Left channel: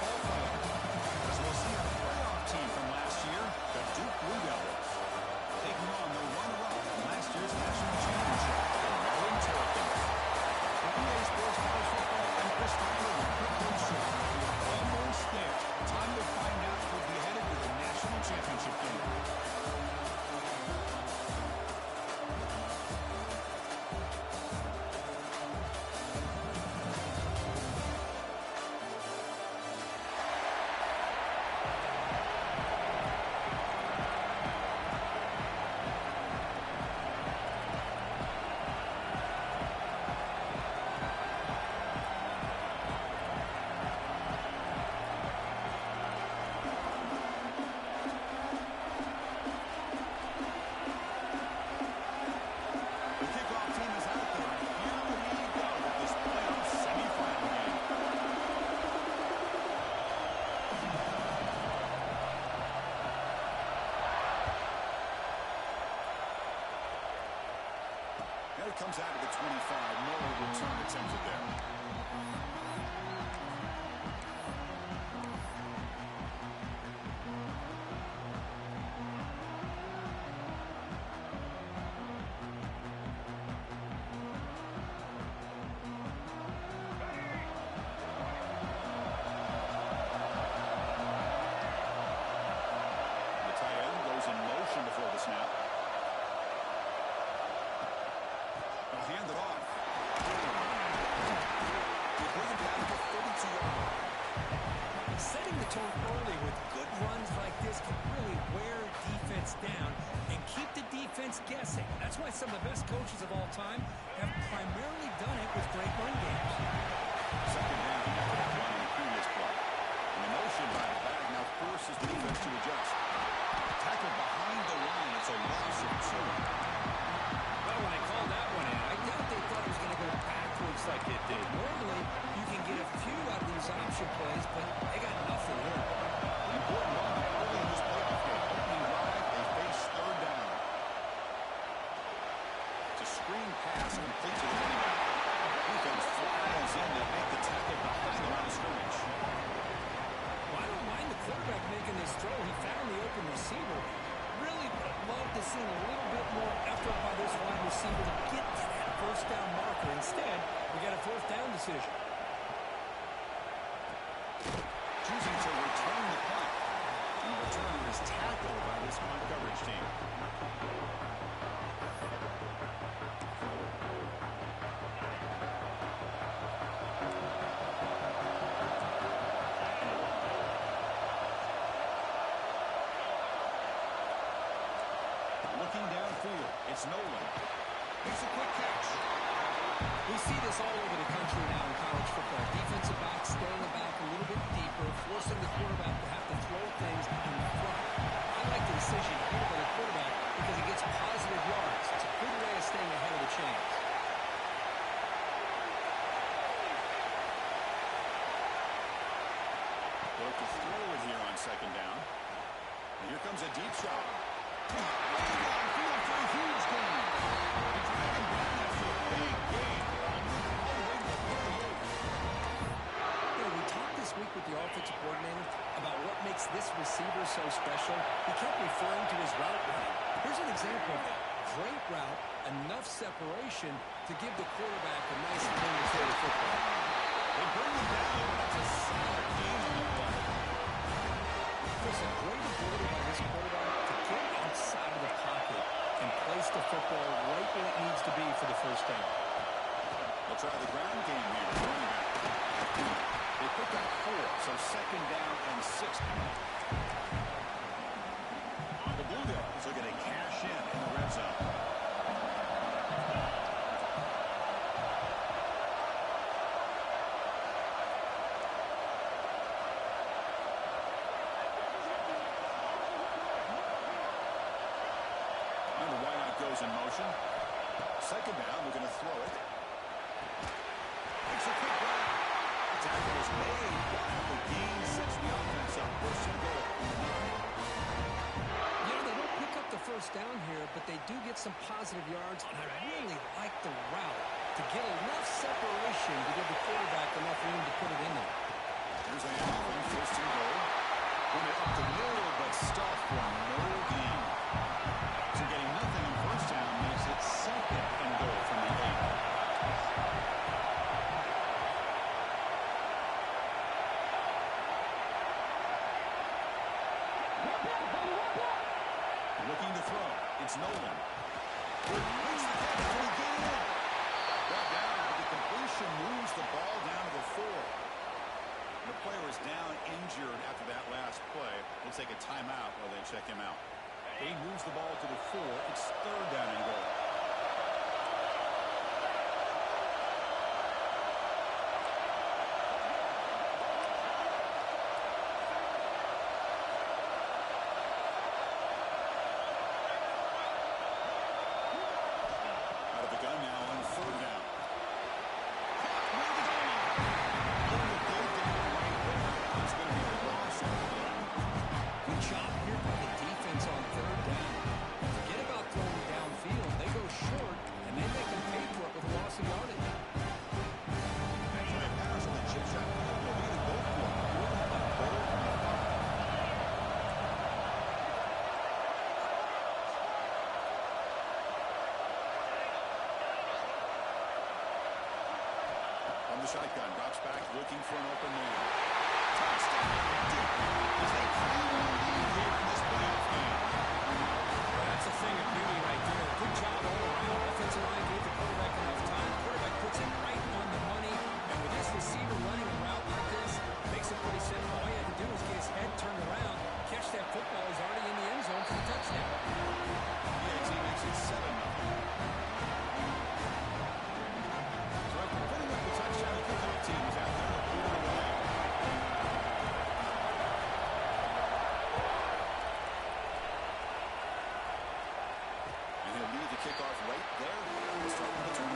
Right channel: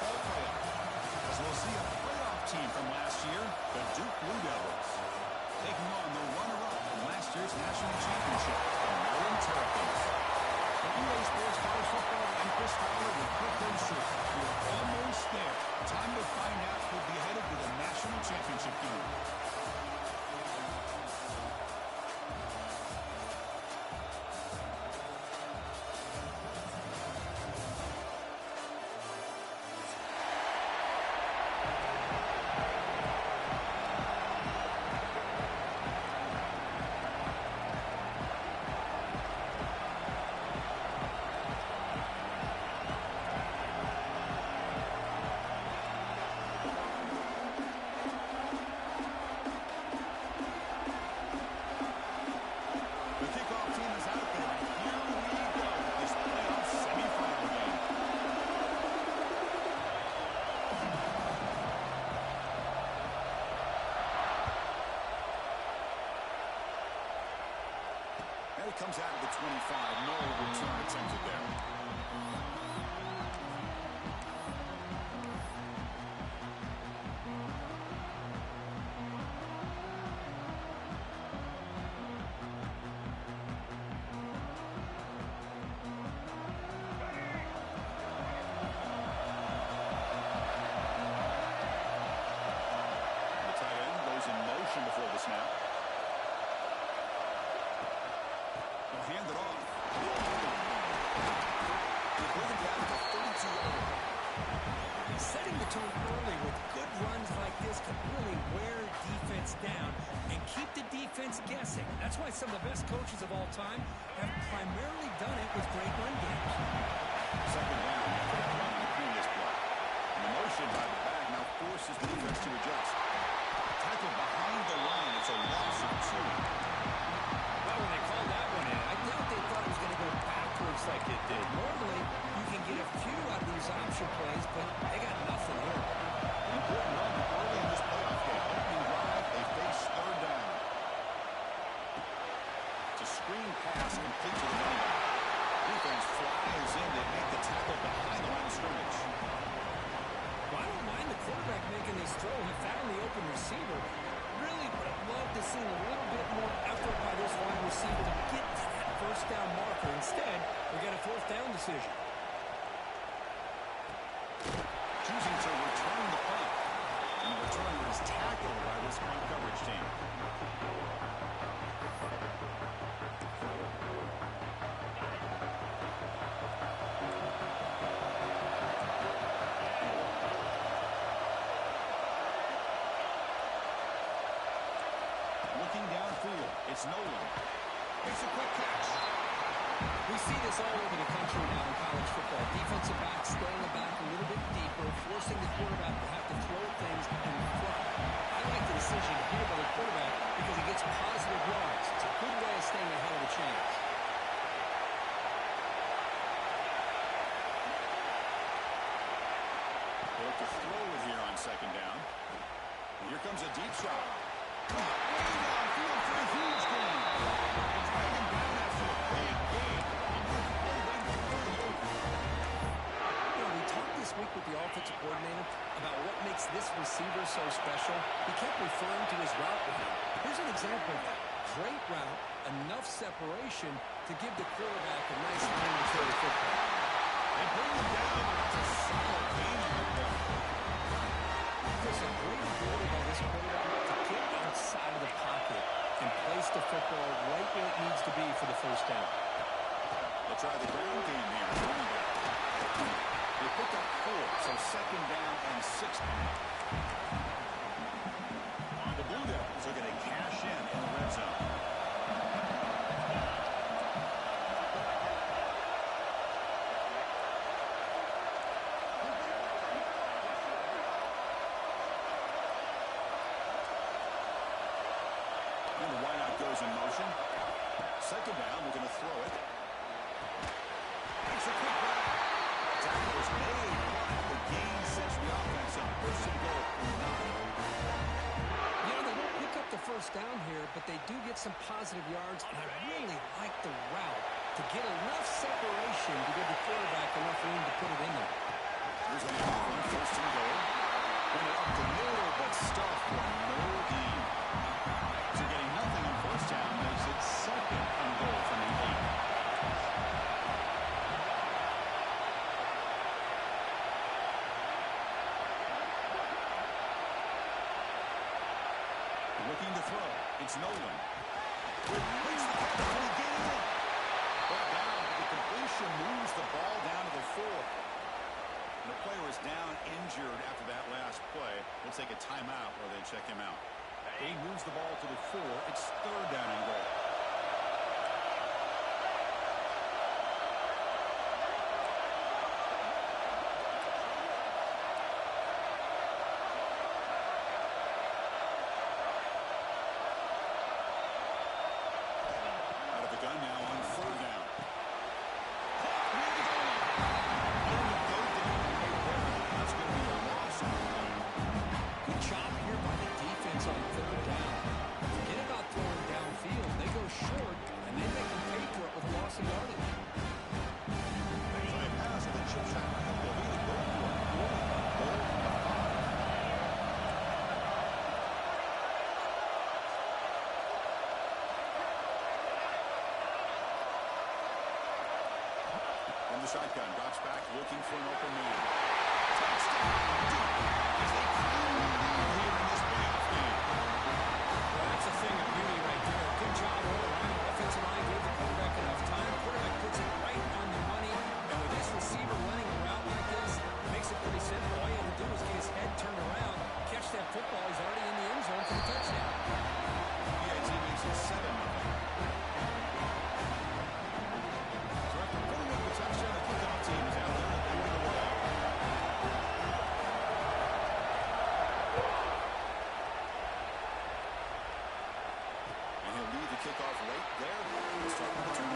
ball player. As we'll see a playoff team from last year, the Duke Blue Devils, taking on the runner-up from last year's national championship, the Maryland Terrapins. For EA Sports College Football, I'm Chris Fowler with Kirk Booster. We're almost there. Time to find out who'll be headed to the national championship game. Comes out of the 25. No return attempted there. The tight end goes in motion before the snap. Hand it off. They bring him down to the 32-yard line. Setting the tone early with good runs like this can really wear defense down and keep the defense guessing. That's why some of the best coaches of all time have primarily done it with great run games. Second down after that run in the previous play. And the motion by the back now forces the defense to adjust. Tackle behind the line. It's a loss of 2. Well, when they called that one in, I doubt they thought it was going to go backwards like it did. Normally, you can get a few out of these option plays, but they got nothing here. Important moment early in this playoff game. Opening drive, they face third down. It's a screen pass complete to the running back. Defense flies in to make the tackle behind the line of scrimmage. Well, I don't mind the quarterback making this throw. He found the open receiver. Really would have loved to see a little bit more effort by this wide receiver to get to that first down marker. Instead, we got a fourth down decision. Choosing to return the punt. And the returner is tackled by this punt coverage team. Looking downfield, it's Nolan. Makes a quick catch. We see this all over the country now in college football. Defensive backs staying back a little bit deeper, forcing the quarterback to have to throw things in front. I like the decision here by the quarterback because he gets positive yards. It's a good way of staying ahead of the chains. They'll look to throw it here on second down. And here comes a deep shot. Way downfield for a huge gain. They drag him down after a big gain. All the way to 38. You know, we talked this week with the offensive coordinator about what makes this receiver so special. He kept referring to his route running. Here's an example of that. Great route, enough separation to give the quarterback a nice lane to throw the football. They bring him down, but that's a solid gain on the play. There's a great ability by this quarterback to get outside of the pocket and place the football right where it needs to be for the first down. They'll try the ground game here with running back. They pick up 4, so second down and 6 coming up. The Blue Devils are going to cash in the red zone. And the wideout goes in motion. Second down, we're going to throw it. Makes a quick grab. Tackle is made, but the gain sets the offense up. First and goal from the 9. You know, they don't pick up the first down here, but they do get some positive yards, and I really like the route to get enough separation to give the quarterback enough room to put it in there. Here's a Looking to throw. It's Nolan. Makes the catch. Can he get in? Brought down, but the completion moves the ball down to the 4. And the player is down injured after that last play. We'll take a timeout while they check him out. He moves the ball to the 4. It's 3rd down and goal. Out of the gun now on 3rd down. Caught near the goal line. Going to go down right there. That's going to be a loss on the play. Good job here by the defense on 3rd down. Forget about throwing downfield. They go short, and they make them pay for it with a loss of yardage. So a pass at the chip shot field goal. Either go for it or a goal from the 5. From the shotgun, drops back, looking for an open man. Touchdown, deep, as they claim the lead here in this playoff game. Well, that's a thing of beauty right there. Good job all around. Offensive line gave the quarterback enough time. Quarterback puts it right on the money. And with this receiver running a route like this, it makes it pretty simple. All you have to do is get his head turned around, catch that football. He's already in the end zone for the touchdown. PAT makes it 7-0. So after putting up the touchdown, the kickoff team is out there to throw it away. And he'll lead the kickoff right there. We'll start with the 25.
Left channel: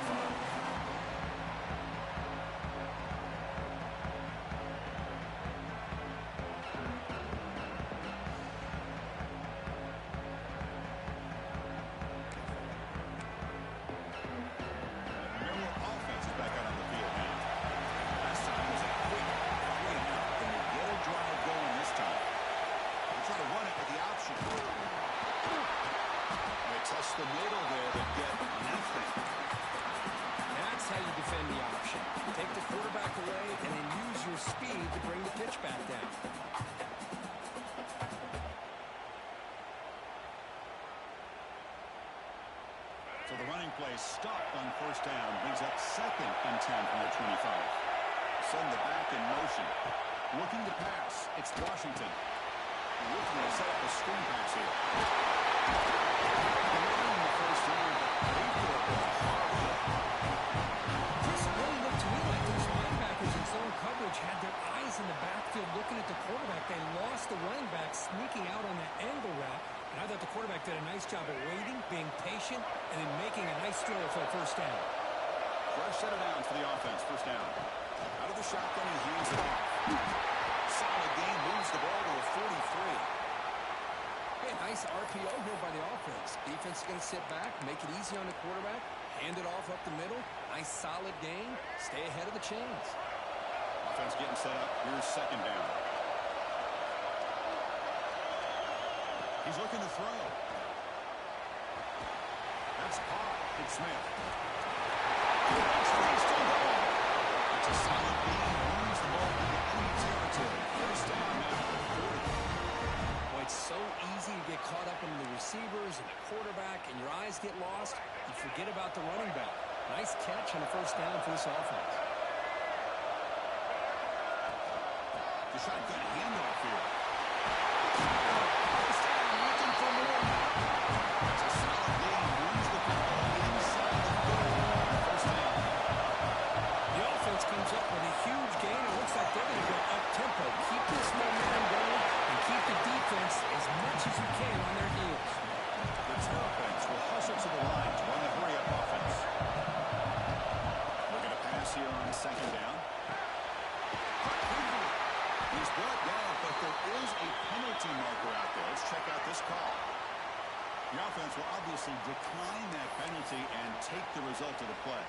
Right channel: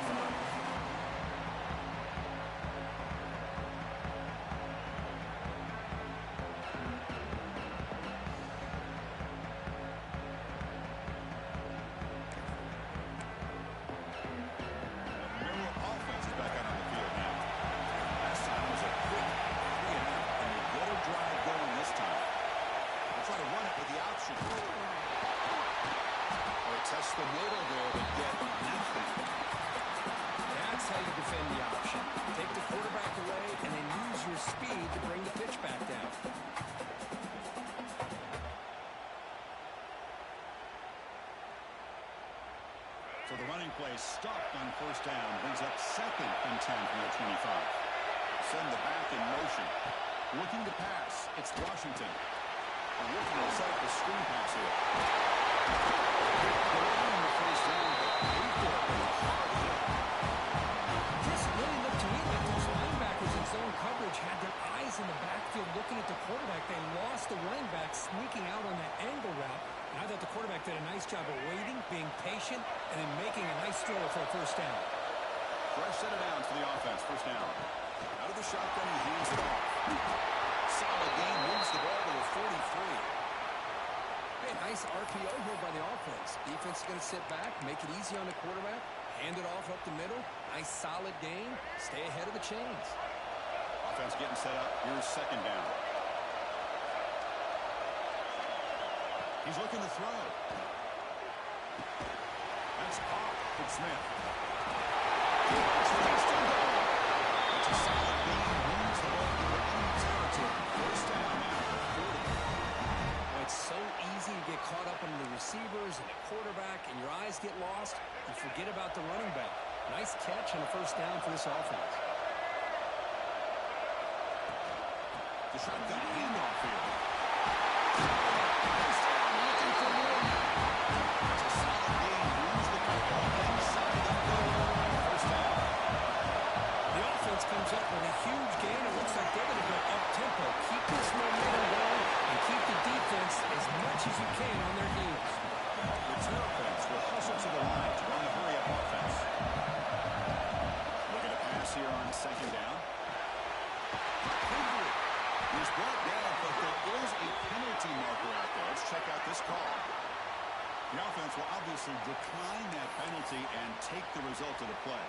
Test the middle there, but get nothing. That's how you defend the option. Take the quarterback away and then use your speed to bring the pitch back down. So the running play stopped on 1st down, brings up 2nd and 10 from their 25. Send the back in motion. Looking to pass. It's Washington. Looking to set up a screen pass here. Delivering the 1st down, but paid for it with a hard hit. Chris, it really looked to me like those linebackers in zone coverage had their eyes in the backfield looking at the quarterback. They lost the running back sneaking out on that angle route. And I thought the quarterback did a nice job of waiting, being patient, and then making a nice throw for a 1st down. Fresh set of downs for the offense. 1st down. Out of the shotgun, he hands it off. Solid game, moves the ball to the 43. Hey, nice RPO here by the offense. Defense is going to sit back, make it easy on the quarterback, hand it off up the middle. Nice solid game. Stay ahead of the chains. Offense getting set up. Here's 2nd down. He's looking to throw. That's caught. It's Smith. He's still going. It's a solid game. Moves the ball into enemy territory. 1st down now at the 40. Well, it's so easy to get caught up in the receivers and the quarterback, and your eyes get lost. You forget about the running back. Nice catch on a 1st down for this offense. The shotgun handoff here. 1st down, looking for more. That's a solid game. Moves the football inside the goal. 1st down. The offense comes up with a huge gain. It looks like they're going to go up-tempo. Keep this momentum going and keep the defense as much as you can on their heels. The Terrapins will hustle to the line to run the hurry-up offense. Looking to pass here on 2nd down. He's brought down, but there is a penalty marker out there. Let's check out this call. The offense will obviously decline that penalty and take the result of the play.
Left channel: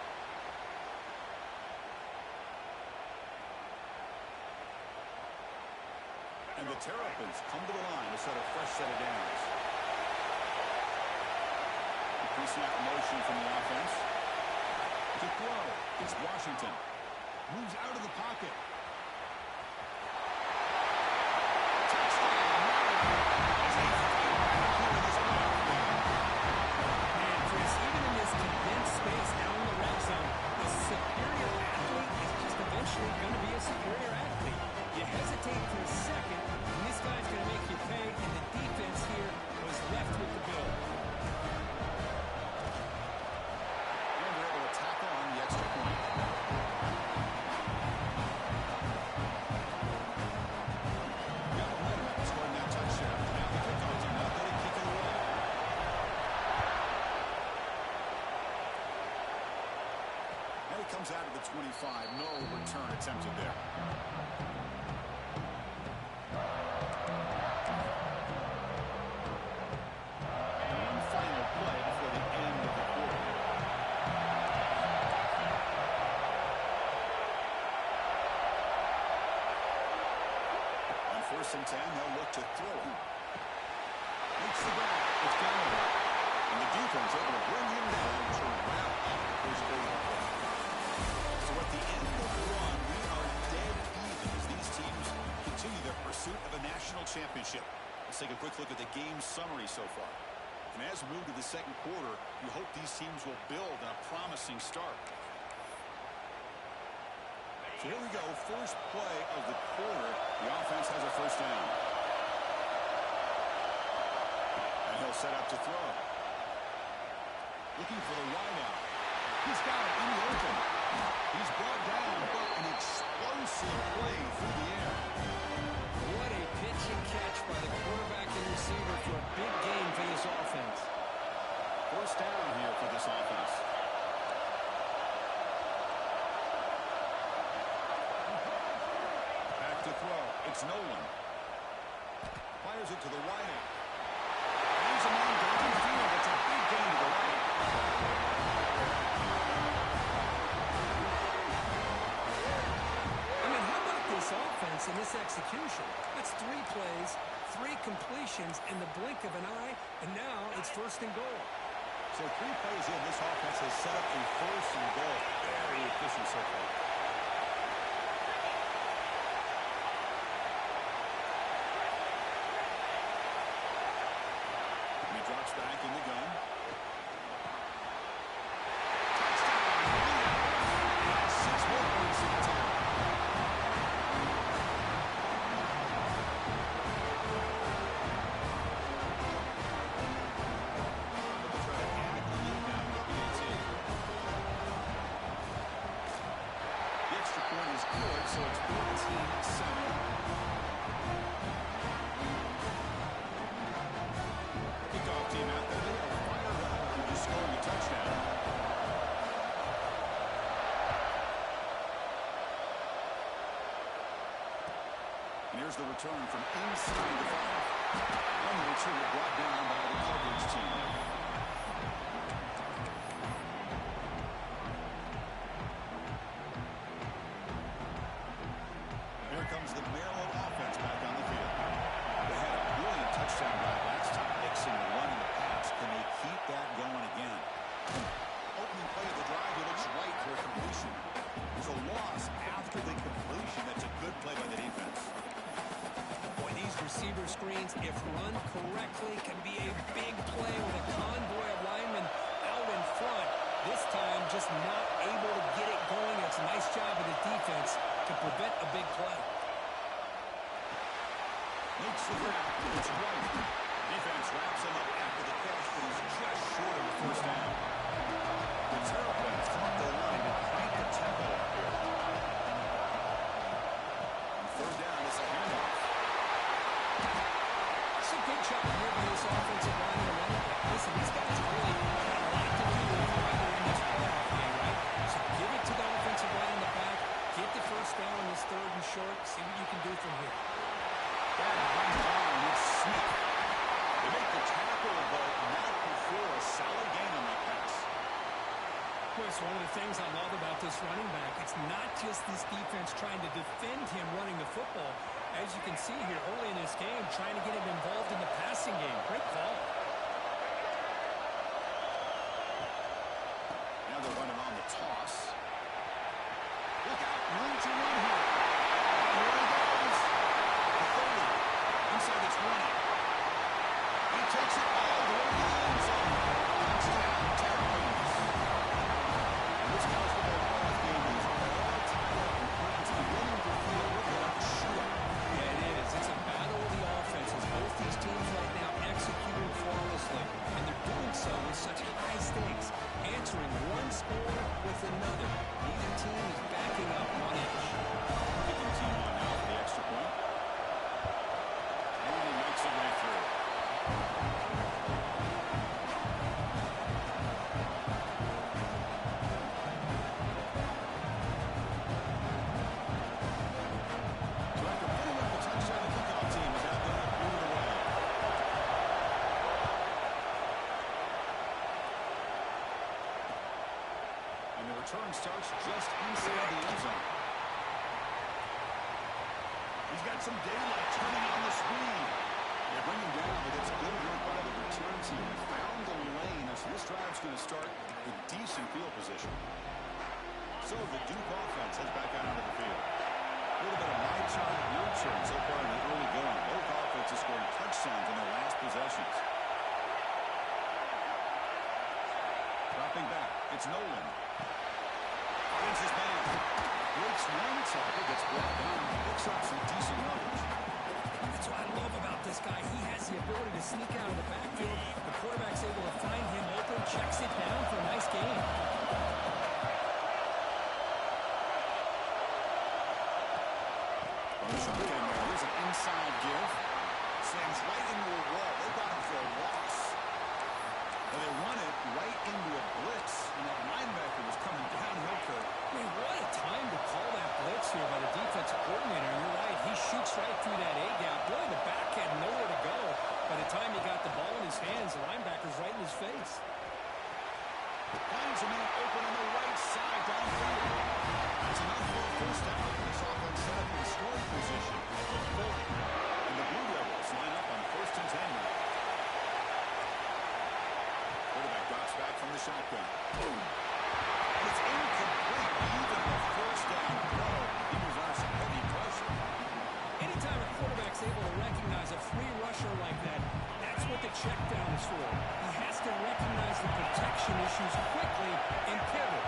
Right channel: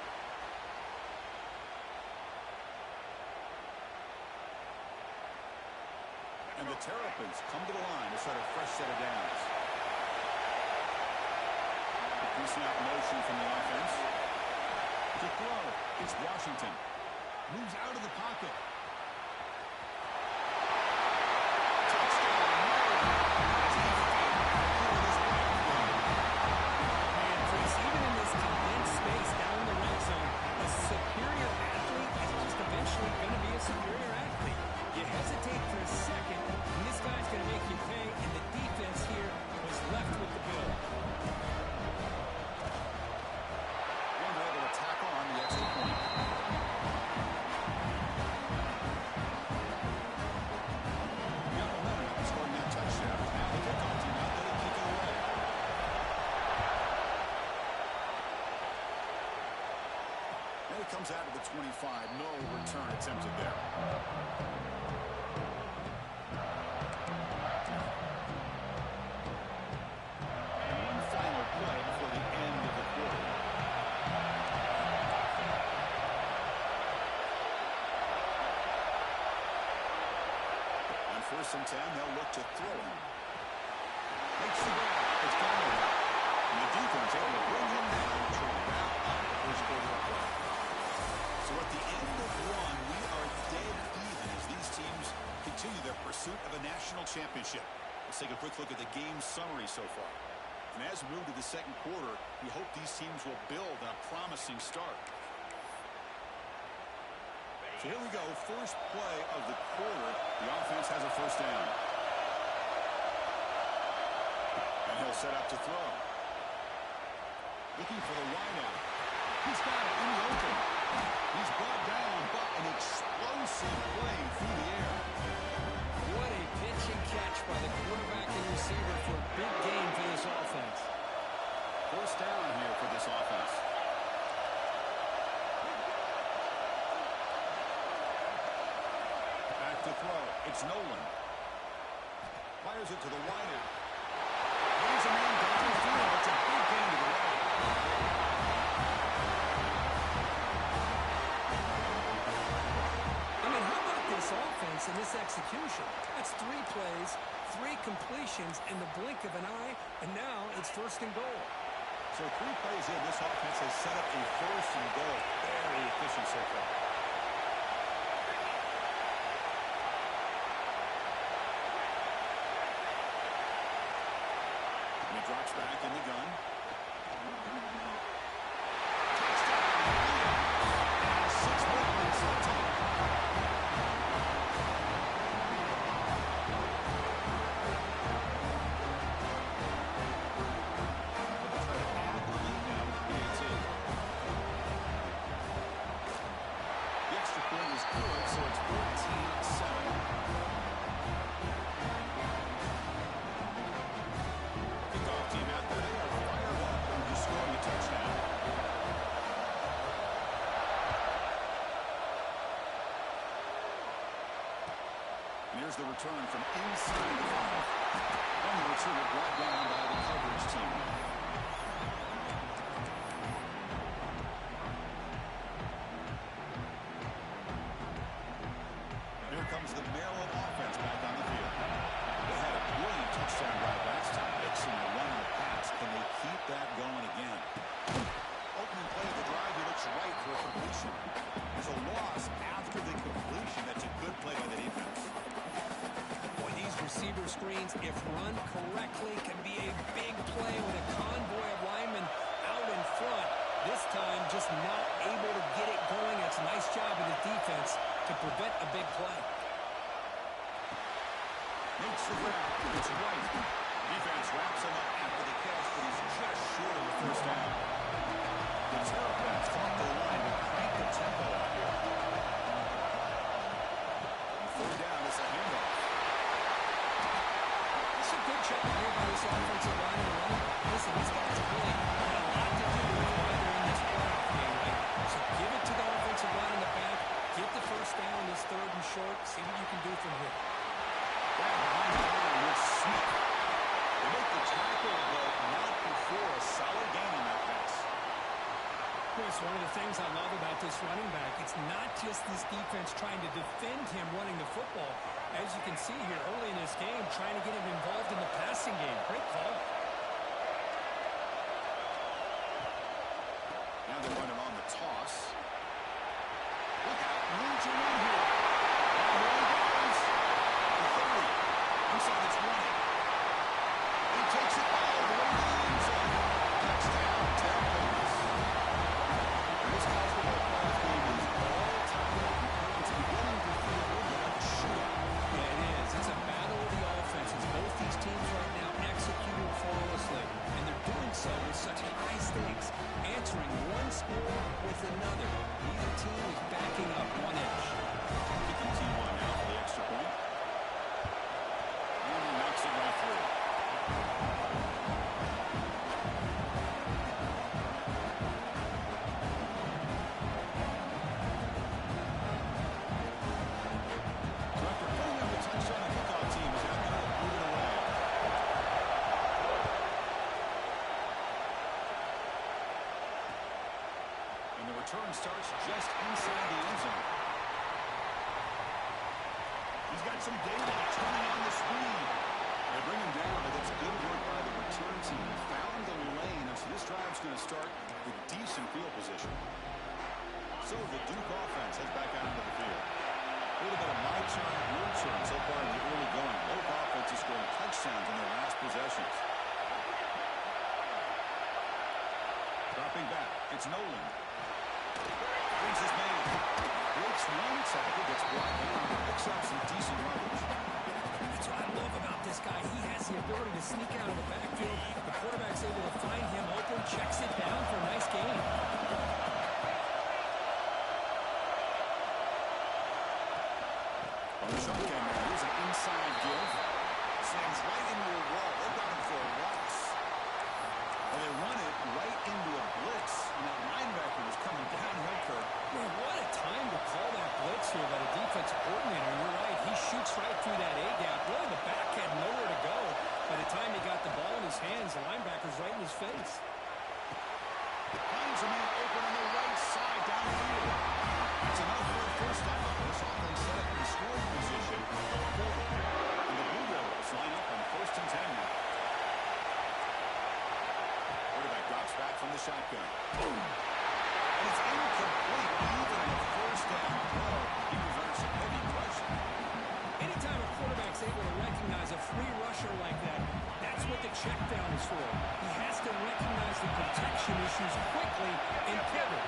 And the Terrapins come to the line to set a fresh set of downs. Increasing out motion from the offense. To throw, it's Washington. Moves out of the pocket. Touchdown, Maryland, as they fight back here in this playoff hesitate for a second, and this guy's going to make you pay, and the defense here was left with the bill. And they're able to tackle on the extra point. Got momentum after scoring that touchdown. Now the kickoff team out there to kick it away. And he comes out to the 25. No return attempted there. And one final play before the end of the quarter. On 1st and 10, they'll look to throw him. Makes the grab. It's Galloway. And the defense able to bring him down to wrap up the first quarter of play. So at the end of one, we are dead even as these teams continue their pursuit of a national championship. Let's take a quick look at the game summary so far. And as we move to the second quarter, we hope these teams will build on a promising start. So here we go, first play of the quarter. The offense has a first down. And he'll set up to throw. Looking for the wideout. He's got it in the open. He's brought down, but an explosive play through the air. What a pitch and catch by the quarterback and receiver for a big gain for this offense. First down here for this offense. Back to throw. It's Nolan. Fires it to the wideout. He's a man downfield. It's a big gain to the right. This offense and this execution. That's 3 plays, 3 completions in the blink of an eye, and now it's 1st and goal. So 3 plays in, this offense has set up a 1st and goal. Very efficient so far. And he drops back in the gun. Touchdown! And 6 more points to the table. Point is good, so it's 14-7. Kickoff team out there. They are fired up after just scoring a touchdown. And here's the return from inside the 5. And the returner brought down by the coverage team. Comes the Maryland offense back on the field. They had a brilliant touchdown drive last time, mixing the run and the pass. Can they keep that going again? Opening play of the drive, he looks right for a completion. There's a loss after the completion. That's a good play by the defense. Boy, these receiver screens, if run correctly, can be a big play with a convoy of linemen out in front. This time, just not able to get it going. It's a nice job of the defense to prevent a big play. Makes the grab. It's White. Defense wraps him up after the catch, but he's just short of the first down. The Terrapins come up the line to crank the tempo up here. And 3rd down is a handoff. It's a good job here by this offensive line and the running back. Listen, these guys have really had a lot to do with why they're in this playoff game, right? So give it to the offensive line in the back. Get the first down on this 3rd and short. See what you can do from here. Back behind the line with Smith. They make the tackle, but not before a solid gain on that pass. Chris, one of the things I love about this running back, it's not just this defense trying to defend him running the football. As you can see here early in this game, trying to get him involved in the passing game. Great call. Now they're running on the toss. Look out, room to run here. And here he goes. The 30, inside the 20. He takes it all the way to the end zone. Touchdown, Terrapins. This college football playoff game is all tied up. It's beginning to feel a little bit like a shootout. Yeah, It's another. Neither team is backing up one inch. Kicking the team on now for the extra point. And he makes it right through. So after putting up the touchdown, the kickoff team is out there to move it away. And the return starts just inside the end zone. He's got some daylight turning on the speed. They bring him down, but it's good work by the return team. He found the lane, so this drive's going to start with decent field position. So the Duke offense heads back out onto the field. A little bit of my turn, your turn so far in the early going. Both offenses scoring touchdowns in their last possessions. Dropping back, it's Nolan. Finds his man. Breaks one tackle, gets brought down, picks up some decent yardage. That's what I love about this guy. He has the ability to sneak out of the backfield. The quarterback's able to find him open, checks it down for a nice gain. On the shotgun there, here's an inside give. Slams right into a wall. They got him for a loss. Well, they run it right into a blitz, and that linebacker was coming downhill, Kirk. Man, what a time to call that blitz here by the defensive coordinator. You're right, he shoots right through that A-gap. Really, the back had nowhere to go. By the time he got the ball in his hands, the linebacker's right in his face. Finds a man open on the right side downfield. That's enough for a first down. This offense set up in scoring position. And the Blue Devils line up on 1st and 10 now. Quarterback drops back from the shotgun. Boom. And it's incomplete. Even on a first down throw, he was under some heavy pressure. Anytime a quarterback's able to recognize a free rusher like that, that's what the check down is for. He has to recognize the protection issues quickly and pivot.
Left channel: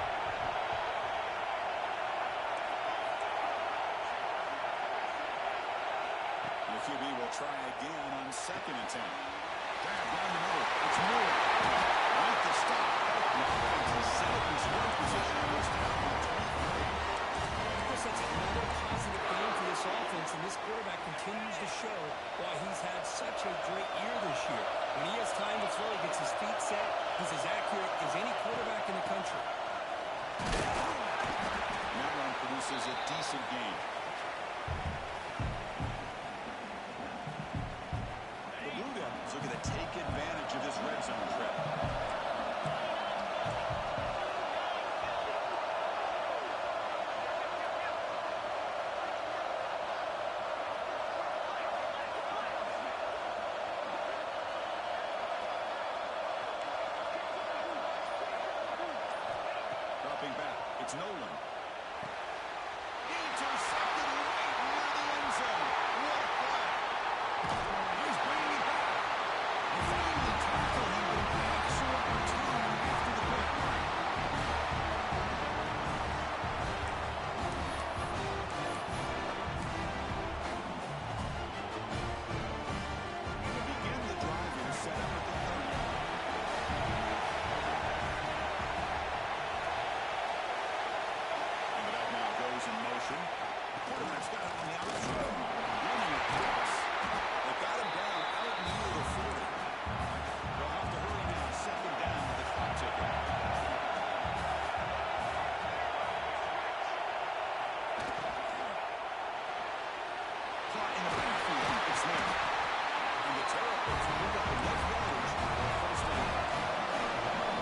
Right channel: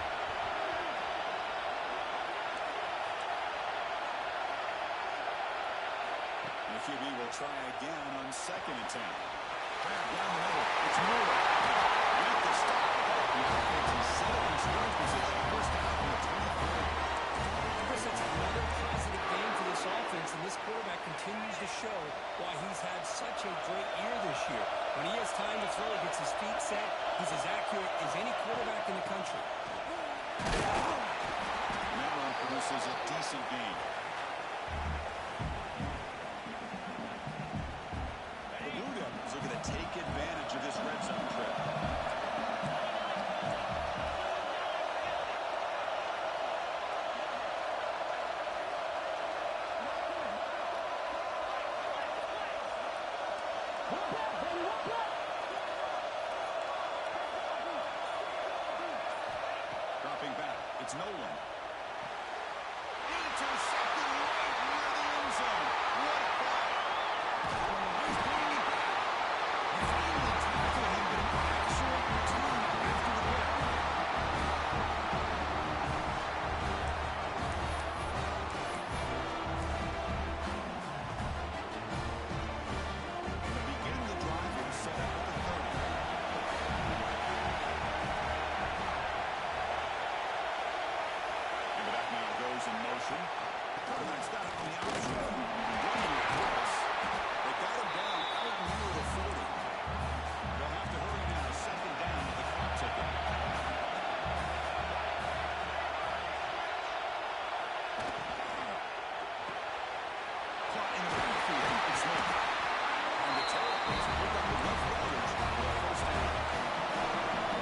And the QB will try again on 2nd and 10. Grab down the middle. It's Moore. Right to stop. Help the offense and set up in scoring position. First down from the 23. Chris, that's another positive game for this offense, and this quarterback continues to show why he's had such a great year this year. When he has time to throw, he gets his feet set. He's as accurate as any quarterback in the country. And that run produces a decent gain. The Blue Devils looking to take advantage of this red zone trip. Dropping back, it's Nolan. Intercepted right near the end zone. What a play. He's bringing it back. They finally tackle him, but an excellent return after the pick. And to begin the drive here, set up at the 30. And the back now goes in motion. Quarterback's got it on the outside. Running across. They got him down out near the 40. They'll have to hurry now. 2nd down with the clock ticking. Caught in the backfield. It's there. And the Terrapins will pick up enough yardage for a first down.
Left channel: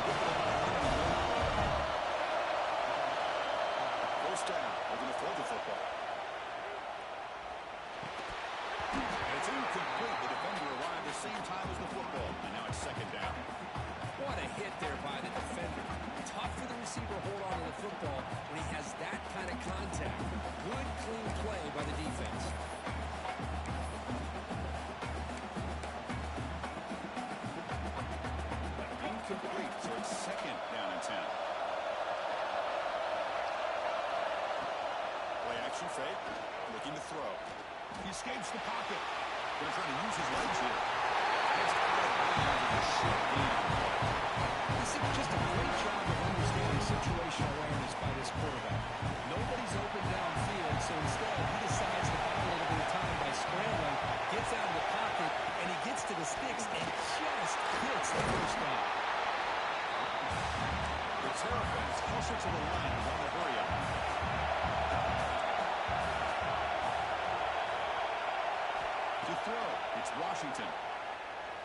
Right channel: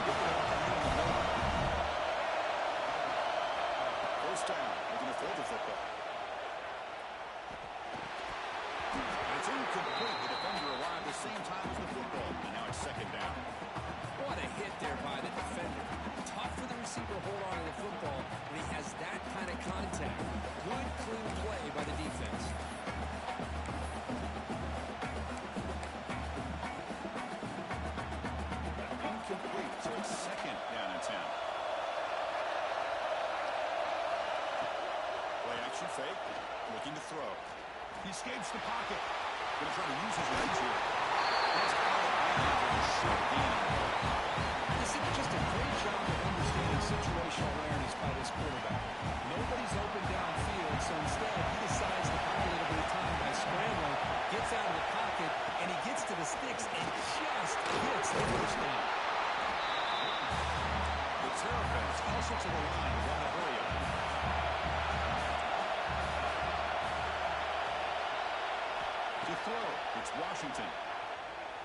Look at the first down. Looking to throw the football. And it's incomplete. The defender arrived the same time as the football. And now it's 2nd down. What a hit there by the defender. Tough for the receiver to hold on to the football when he has that kind of contact. Good, clean play by the defense. Incomplete. So it's 2nd down and 10. Play action fake. Looking to throw. He escapes the pocket. Going to try to use his legs here. It's out of bounds with a short gain on play. This is just a great job of understanding situational awareness by this quarterback. Nobody's open downfield, so instead he decides to buy a little bit of time by scrambling, gets out of the pocket, and he gets to the sticks and just hits the first down. The Terrapins hustle to the line to run the hurry-up. To throw, it's Washington.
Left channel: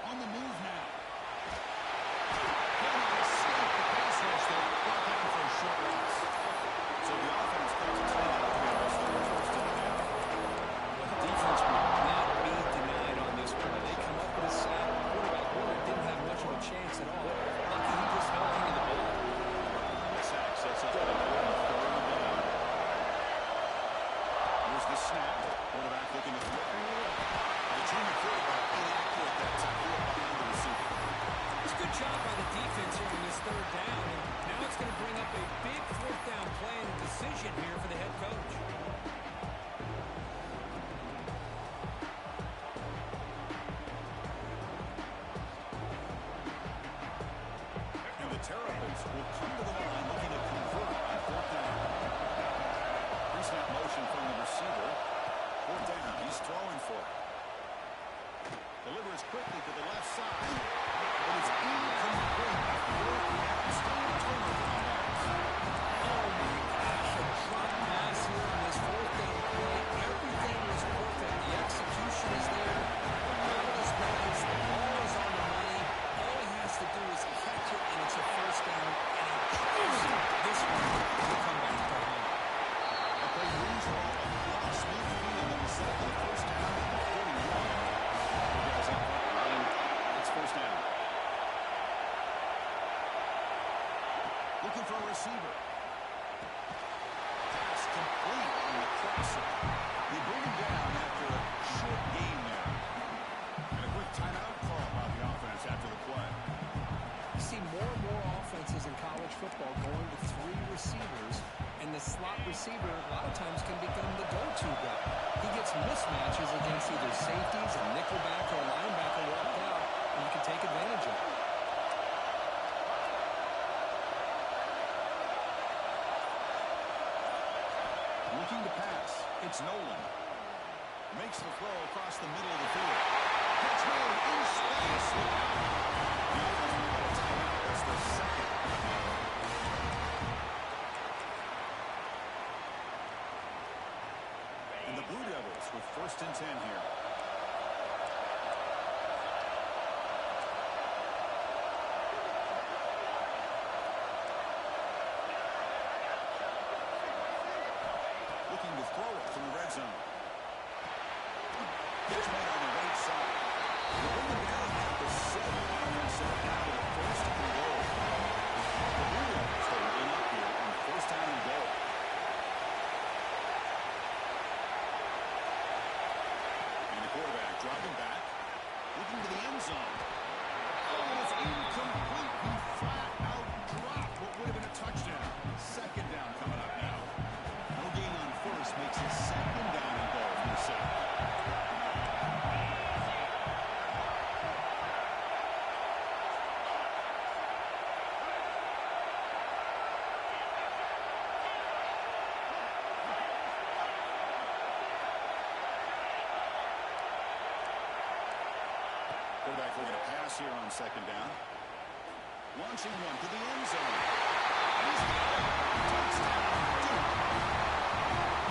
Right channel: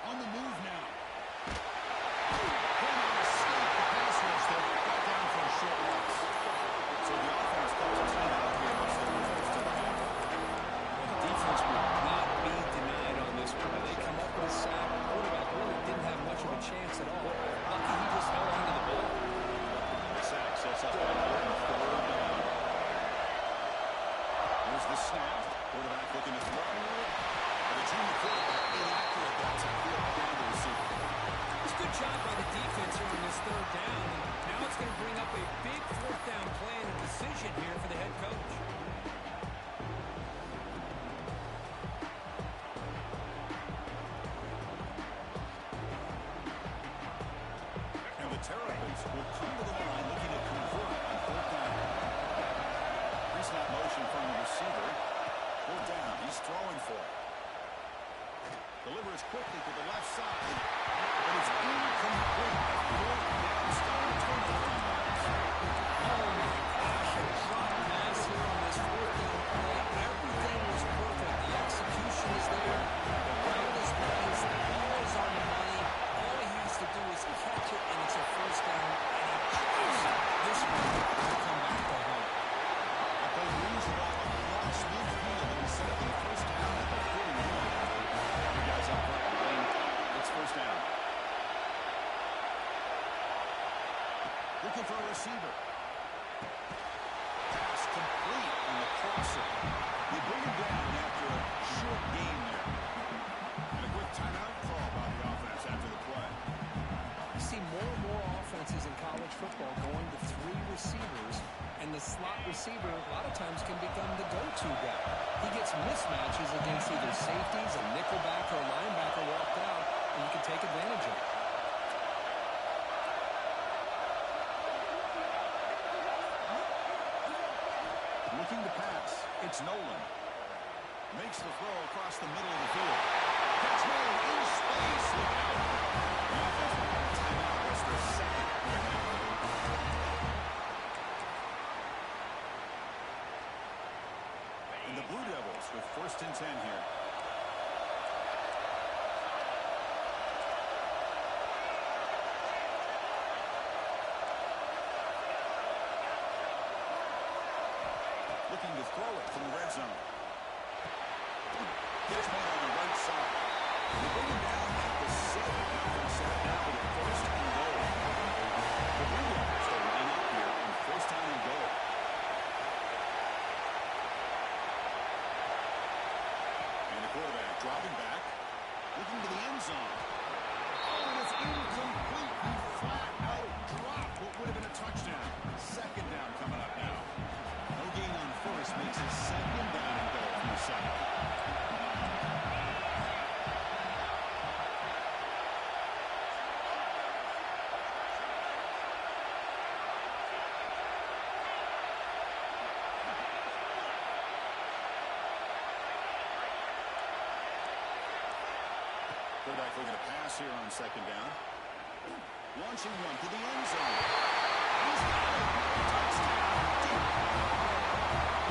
On the move now. Cannot escape the pass rush there. Brought down for a short loss. So the offense calls a timeout here as the first of the half. Well, the defense would not be denied on this play. They come up with a sack. The quarterback really didn't have much of a chance at all. Lucky he just held on to the ball. The sack sets up an important third down. Here's the snap. Quarterback looking to throw. And the junior quarterback inaccurate that time. Behind the receiver. It's a good job by the defense here on this third down. And now it's going to bring up a big fourth down play and a decision here for the head coach. And the Terrapins will come to the line looking to convert on fourth down. Pre-snap motion from the receiver. Fourth down. He's throwing for it. Delivers quickly to the left side, but it's incomplete. A fourth down stop. Turnover on downs. Oh my gosh, a drop pass here on this fourth down play. Everything was perfect. The execution is there. The route is nice. The ball is on the money. All he has to do is catch it, and it's a first down, and he chooses this one to come back to home. That play moves the ball across midfield, and he set up for the first down at the 41. You guys up front line. It's first down. Looking for a receiver. Pass complete on the crosser. They bring him down after a short gain there. And a quick timeout call by the offense after the play. You see more and more offenses in college football going to three receivers, and the slot receiver a lot of times can become the go-to guy. He gets mismatches against either safeties, a nickelback, or a linebacker walked out, and you can take advantage of it. Looking to pass. It's Nolan. Makes the throw across the middle of the field. Catch made in space. Look out. The offense will call a timeout. That's their second of the half. And the Blue Devils with 1st and 10 here. Looking to throw it from the red zone. Catch made on the right side. They bring him down at the 7. Now going to set it now with a 1st and goal. The Blue Devils will line up here on 1st down and goal. And the quarterback dropping back, looking to the end zone. Oh, and it's incomplete. He flat out dropped what would have been a touchdown. 2nd down coming up now. No gain on 1st makes it 2nd down and goal from the 7. Quarterback looking to pass here on 2nd down. Launching one to the end zone. And he's got it. Touchdown. Duke.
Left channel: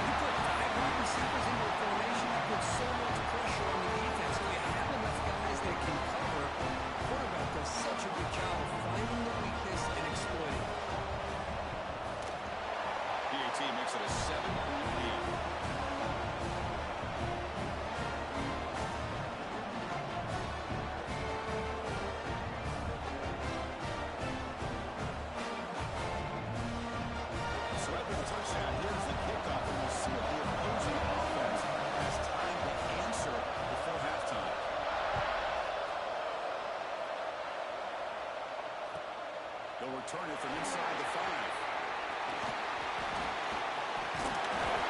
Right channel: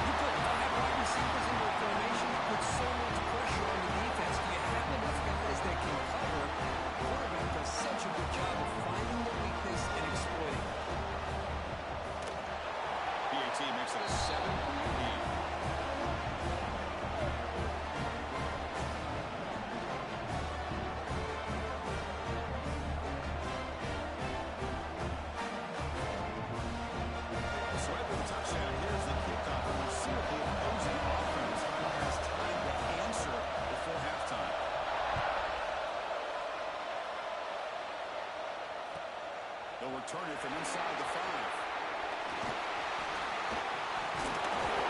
You put 5 wide receivers into a formation, you put so much pressure on the defense. Do you have enough guys that can cover? The quarterback does such a good job of finding the weakness and exploiting it. PAT makes it a 7-point lead. So after the touchdown, here's the kickoff, and we'll see if the opposing offense has time to answer before halftime. They'll return it from inside the 5.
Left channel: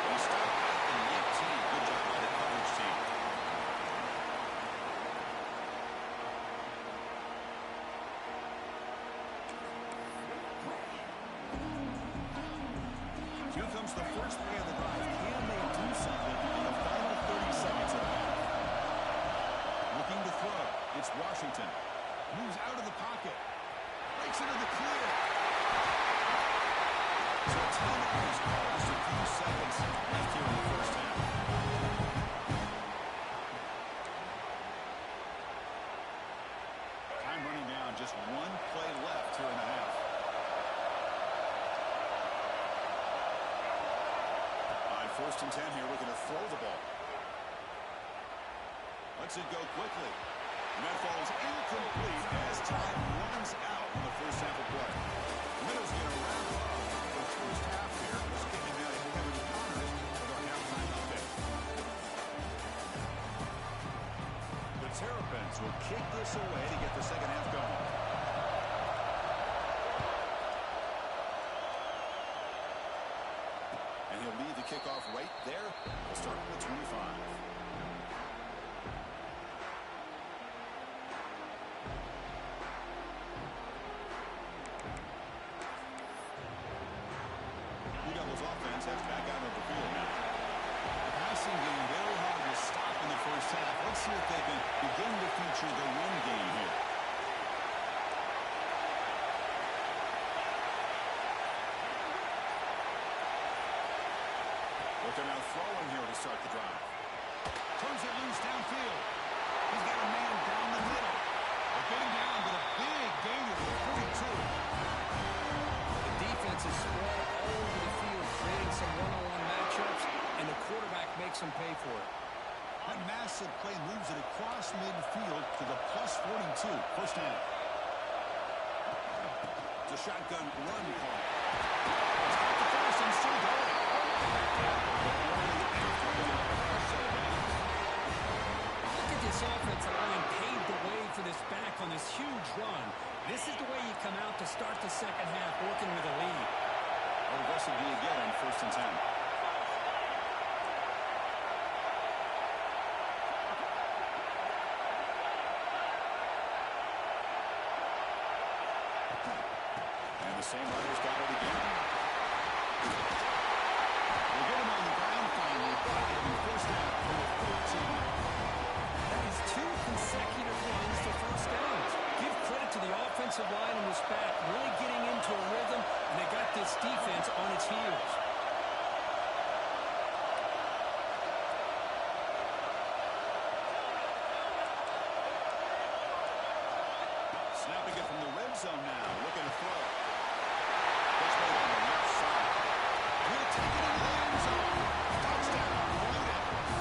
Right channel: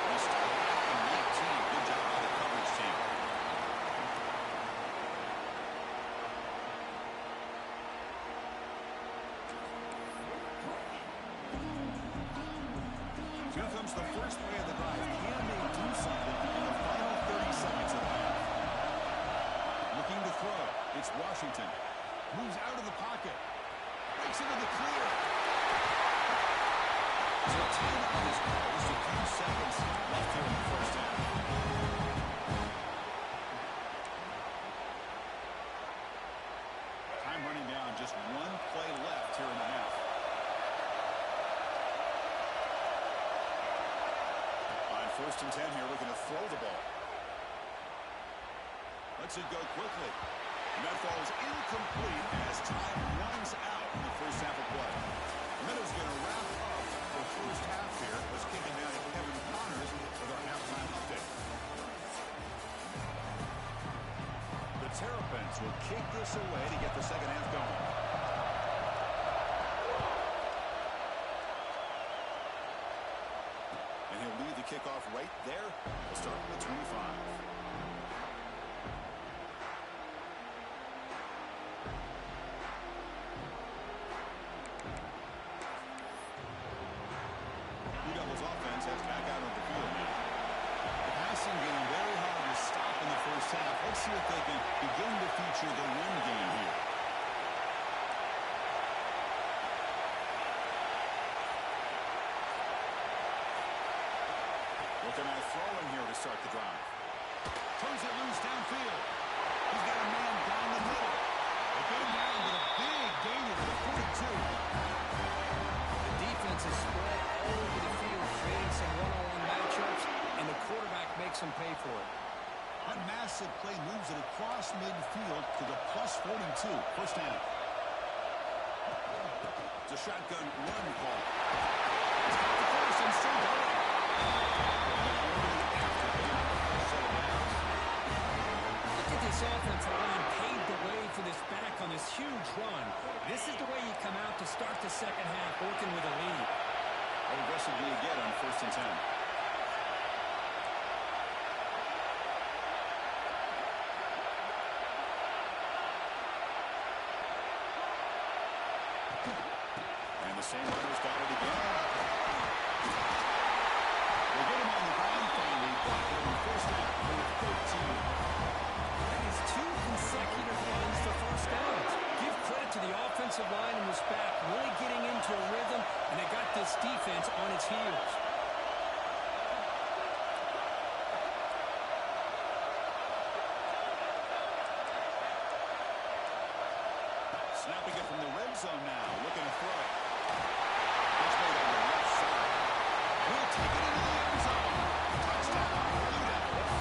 He stopped at the 19. Good job by the coverage team. comes the first play of the drive. Can they do something in the final 30 seconds of the half? Looking to throw. It's Washington. Moves out of the pocket. Breaks into the clear. So a timeout is called. Just a few seconds left here in the first half. Time running down. Just one play left here in the half. On 1st and 10 here, looking to throw the ball. Lets it go quickly. And that falls incomplete as time runs out in the first half of play. Minnows going to wrap up the first half here. Let's kick it down to Kevin Connors with our halftime update. The Terrapins will kick this away to get the second half going. And he'll lead the kickoff right there. We'll start from the 25. Offense heads back out of the field now. The passing game very hard to stop in the first half. Let's see if they can begin to feature the run game here. But they're now throwing here to start the drive. Turns it loose downfield. He's got a man down the middle. They get him down with a big gain of the 42. Defense is spread all over the field, creating some one-on-one matchups, and the quarterback makes them pay for it. That massive play moves it across midfield to the plus 42. First down. It's a shotgun run call. It's got the first and still going. Only after getting up a fresh set of downs. Look at this offensive line paved the way for this back on this huge run. This is the way you come out to start the second half, working with a lead. How aggressive do you get on 1st and 10? And the same runner's got it again. They get him on the ground finally, but it'll be first down for the 13. That is 2 consecutive runs to first downs. Give credit to the offensive line and this back, really getting into a rhythm, and they got this defense on its heels. Snapping it from the red zone now, looking to throw. Gets made on the left side. And he'll take it into the end zone. Touchdown, Blue Devils.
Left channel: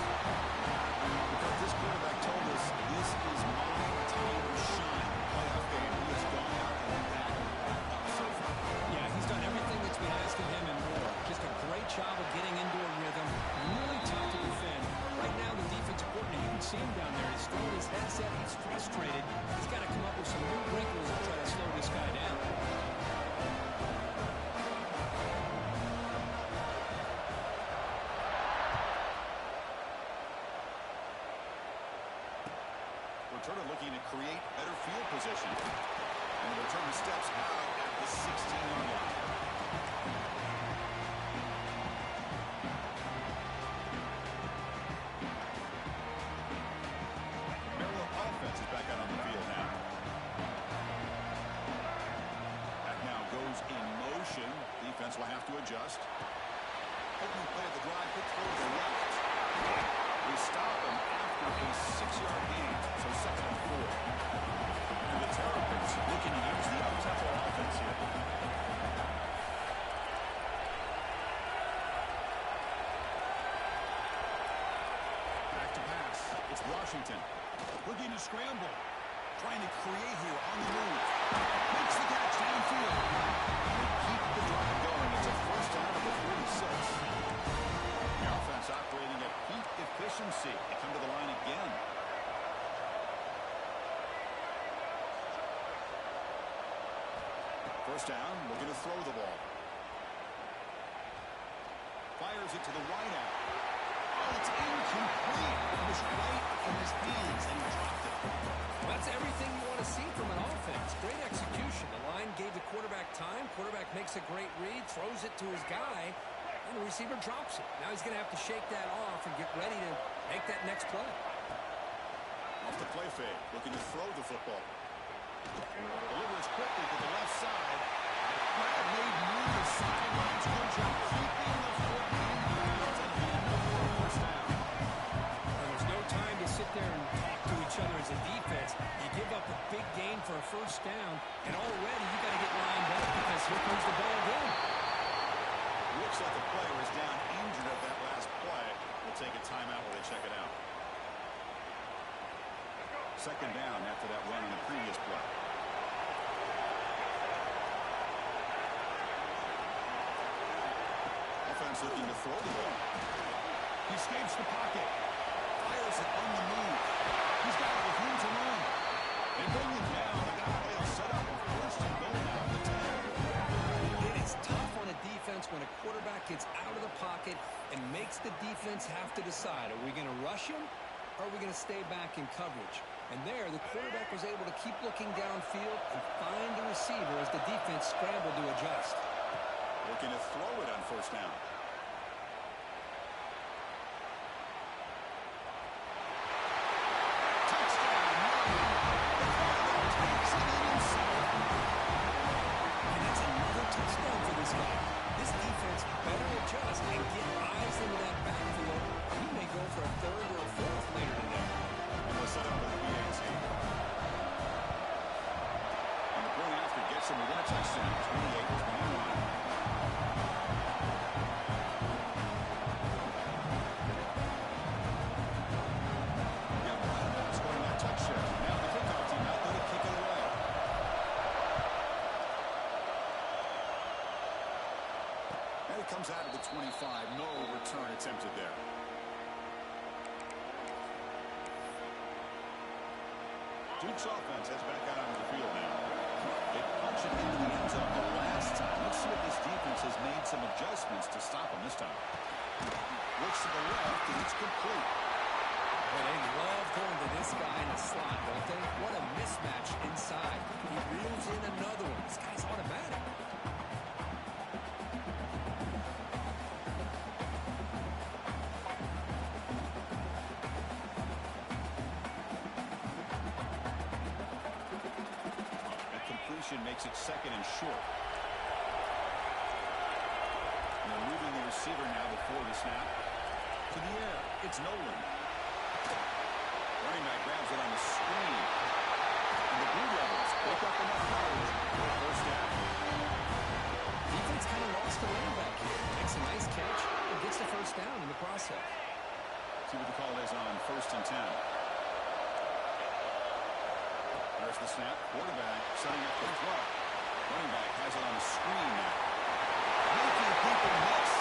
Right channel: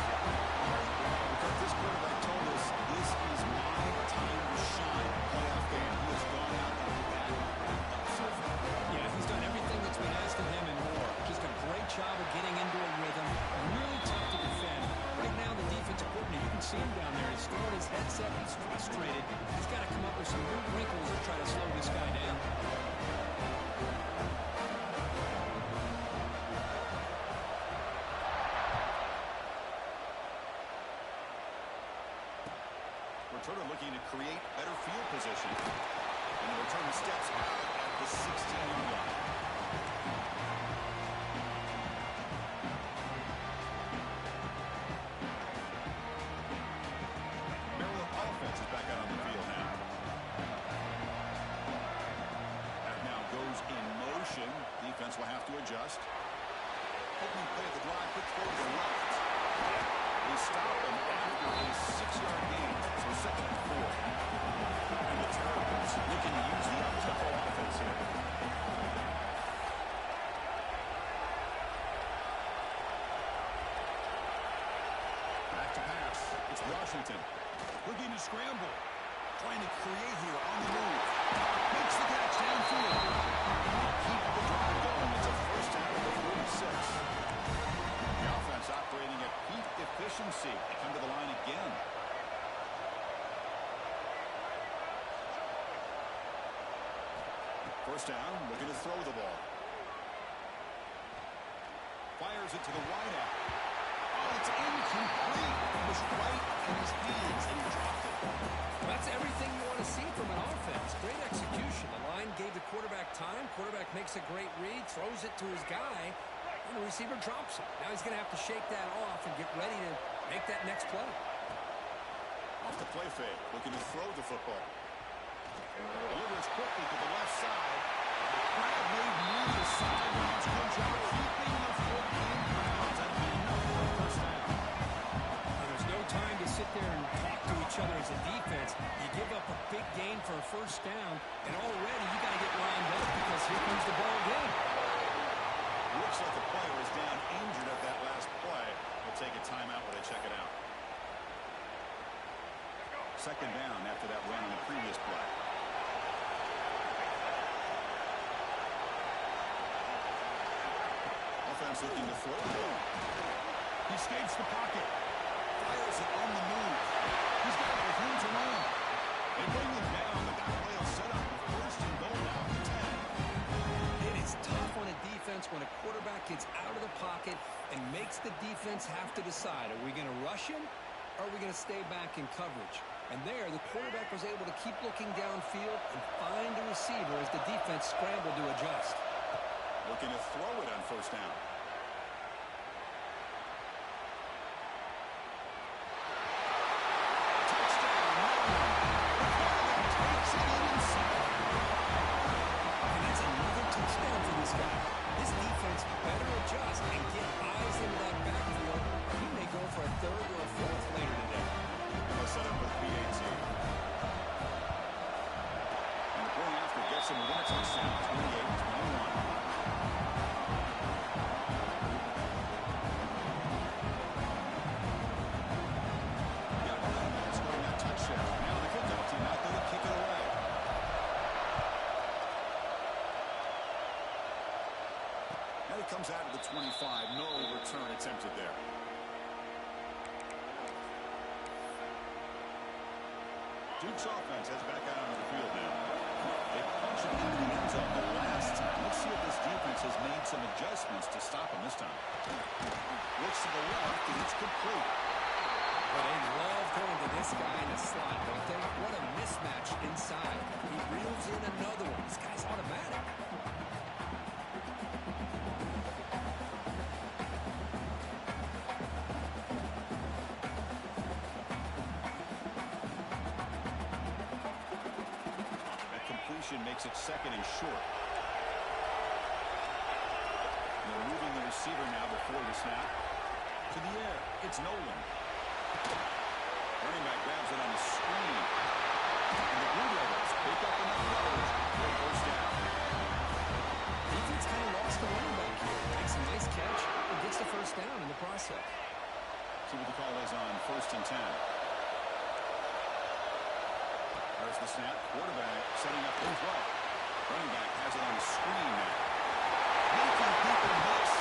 Because this quarterback told us, this is my time to shine. Playoff game. He has gone out and backed that up so far. Yeah, he's done everything that's been asked of him and more. Just a great job of getting into a rhythm. Really tough to defend. Right now, the defensive coordinator, you can see him down there. He's throwing his headset. He's frustrated. He's got to come up with some new wrinkles to try to slow this guy down. Returner looking to create better field position. And the returner steps out at the 16-yard line. Maryland offense is back out on the field now. That now goes in motion. Defense will have to adjust. Opening play of the drive, quick throw to the left. They stop him after a 6-yard gain, so 2nd and 4. And the Terrapins looking to use the up-tempo offense here. Back to pass. It's Washington. Looking to scramble. Trying to create here on the move. Makes the catch downfield. And they keep the drive going. It's a first down at the 46. The offense operating at peak efficiency. They come to the line again. First down, looking to throw the ball. Fires it to the wideout. Oh, it's incomplete. It was right in his hands, and he dropped it. Well, that's everything you want to see from an offense. Great execution. The line gave the quarterback time. Quarterback makes a great read, throws it to his guy, and and the receiver drops it. Now he's going to have to shake that off and get ready to make that next play. Off the play fake, looking to throw the football. Delivers quickly to the left side. Grab made near the sidelines. Good job keeping the foot in bounds. That'll be enough for a first down. Now, there's no time to sit there and talk to each other as a defense. You give up a big gain for a first down, and already you got to get lined up because here comes the ball again. Looks like the player is down injured at that last play. We'll take a timeout where they check it out. Second down after that run on the previous play. Offense looking to throw the ball. He escapes the pocket. Fires it on the move. He's got it with room to run. They bring him down, but that play will set up a first and goal now at the 10. It is tough on a defense when a quarterback gets out of the pocket and makes the defense have to decide, are we going to rush him or are we going to stay back in coverage? And there, the quarterback was able to keep looking downfield and find the receiver as the defense scrambled to adjust. Looking to throw it on first down. Touchdown, Maryland. The quarterback takes it in himself. And that's another touchdown for this guy. This defense better adjust and get eyes into that backfield. He may go for a third or a fourth later today. And they'll set up with BAT. And the point after gets him within a touchdown, 28-21. Now the kickoff team out there to kick it away. And it comes out of the 25. No return attempted there. Duke's offense heads back out onto the field now. They punch it into the end zone the last time. Let's see if this defense has made some adjustments to stop them this time. Looks to the left, and it's complete. Well, they love going to this guy in the slot, don't they? What a mismatch inside. He reels in another one. This guy's automatic. That completion makes it second and short. And they're moving the receiver now before the snap. To the air. It's Nolan. Running back grabs it on the screen. And the Blue Devils pick up enough yards for a first down. Defense kind of lost the running back here. Makes a nice catch, but gets the first down in the process. See what the call is on 1st and 10. There's the snap. Quarterback setting up the throw. Running back has it on the screen now. Making people miss.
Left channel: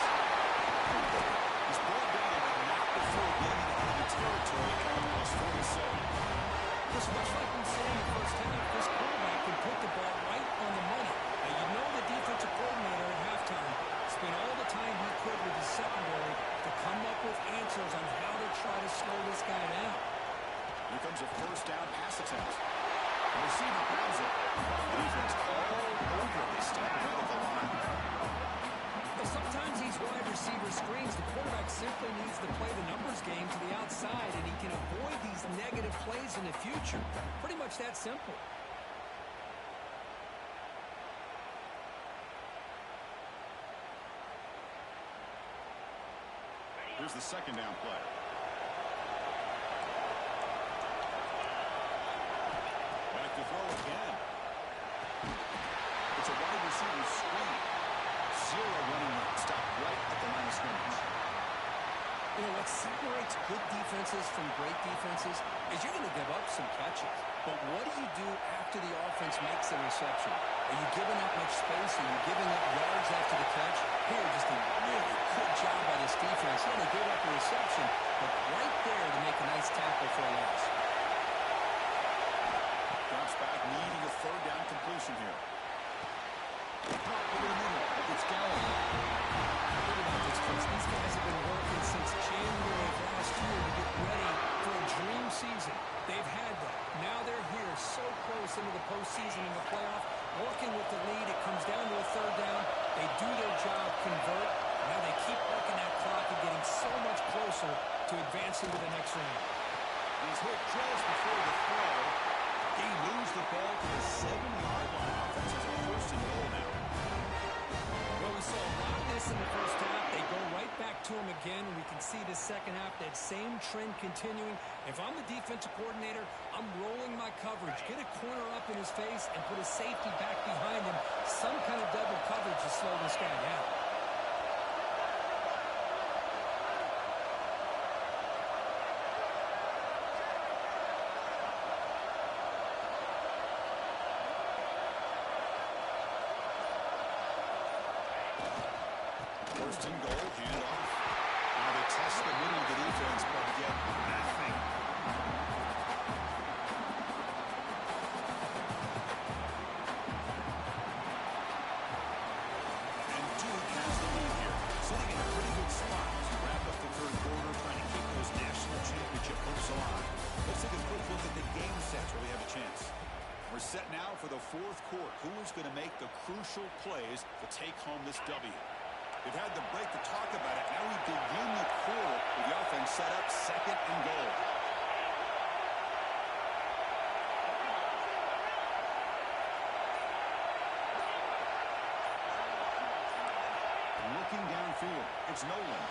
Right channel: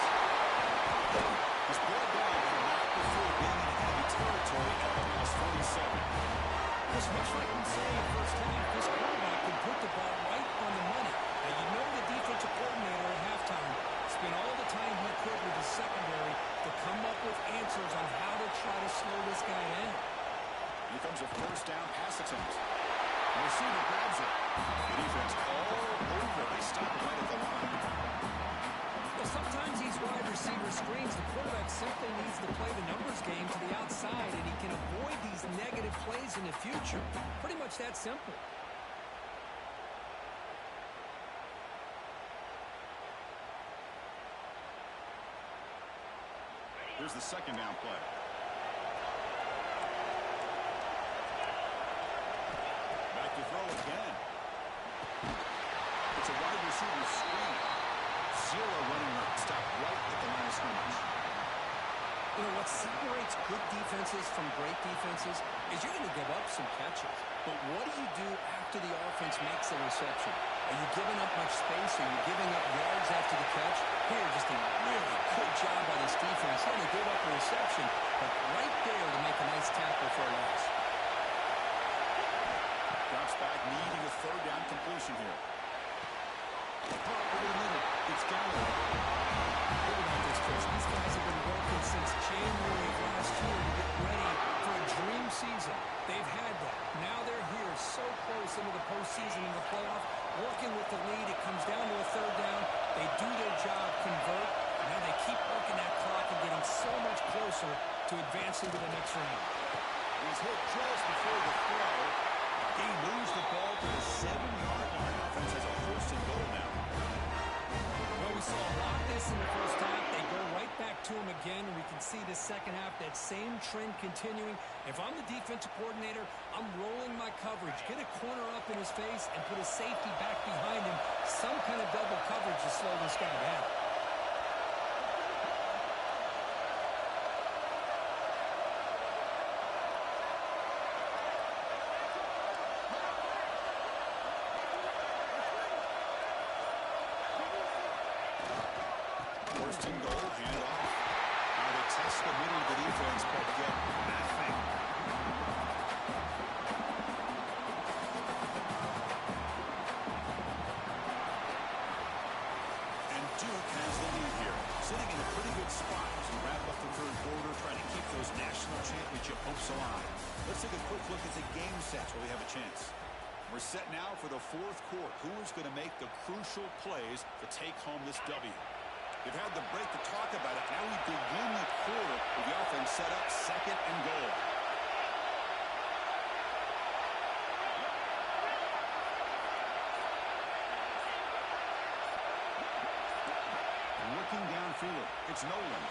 He's brought down, but not before getting into enemy territory at almost 47. Just much like we say in the first half, this quarterback can put the ball right on the money. Now, you know the defensive coordinator at halftime spent all the time he could with his secondary to come up with answers on how to try to slow this guy down. Here comes a first down pass attempt. The receiver grabs it. The defense all over. They stop it right at the line. Well, sometimes these wide receiver screens, the quarterback simply needs to play the numbers game to the outside, and he can avoid these negative plays in the future. Pretty much that simple. Here's the second down play. Back to throw again. It's a wide receiver screen. Zero running room. Stopped right at the line of scrimmage. You know, what separates good defenses from great defenses is you're going to give up some catches. But what do you do after the offense makes the reception? Are you giving up much space? Are you giving up yards after the catch? Here, just a really good job by this defense. Yeah, they gave up a reception, but right there to make a nice tackle for a loss. Drops back, needing a third down completion here. Pop over the middle. It's Galloway. Think about this, Chris. These guys have been working since January of last year to get ready for a dream season. They've had that. Now they're here so close into the postseason and the playoff, working with the lead. It comes down to a third down. They do their job, convert, Now they keep working that clock and getting so much closer to advancing to the next round. He's hit just before the throw. He moves the ball to the 7-yard line. Offense has a first and goal now. Well, we saw a lot of this in the first half. They go right back to him again, and we can see the second half, that same trend continuing. If I'm the defensive coordinator, I'm rolling my coverage. Get a corner up in his face and put a safety back behind him. Some kind of double coverage to slow this guy down. First and goal, handoff. Now they test the middle of the defense, but get nothing. And Duke has the lead here, sitting in a pretty good spot as we wrap up the third quarter, trying to keep those national championship hopes alive. Let's take a quick look at the game sets where we have a chance. We're set now for the fourth quarter. Who is going to make the crucial plays to take home this W? They've had the break to talk about it. Now we begin the quarter with the offense set up second and goal. Looking downfield, it's Nolan.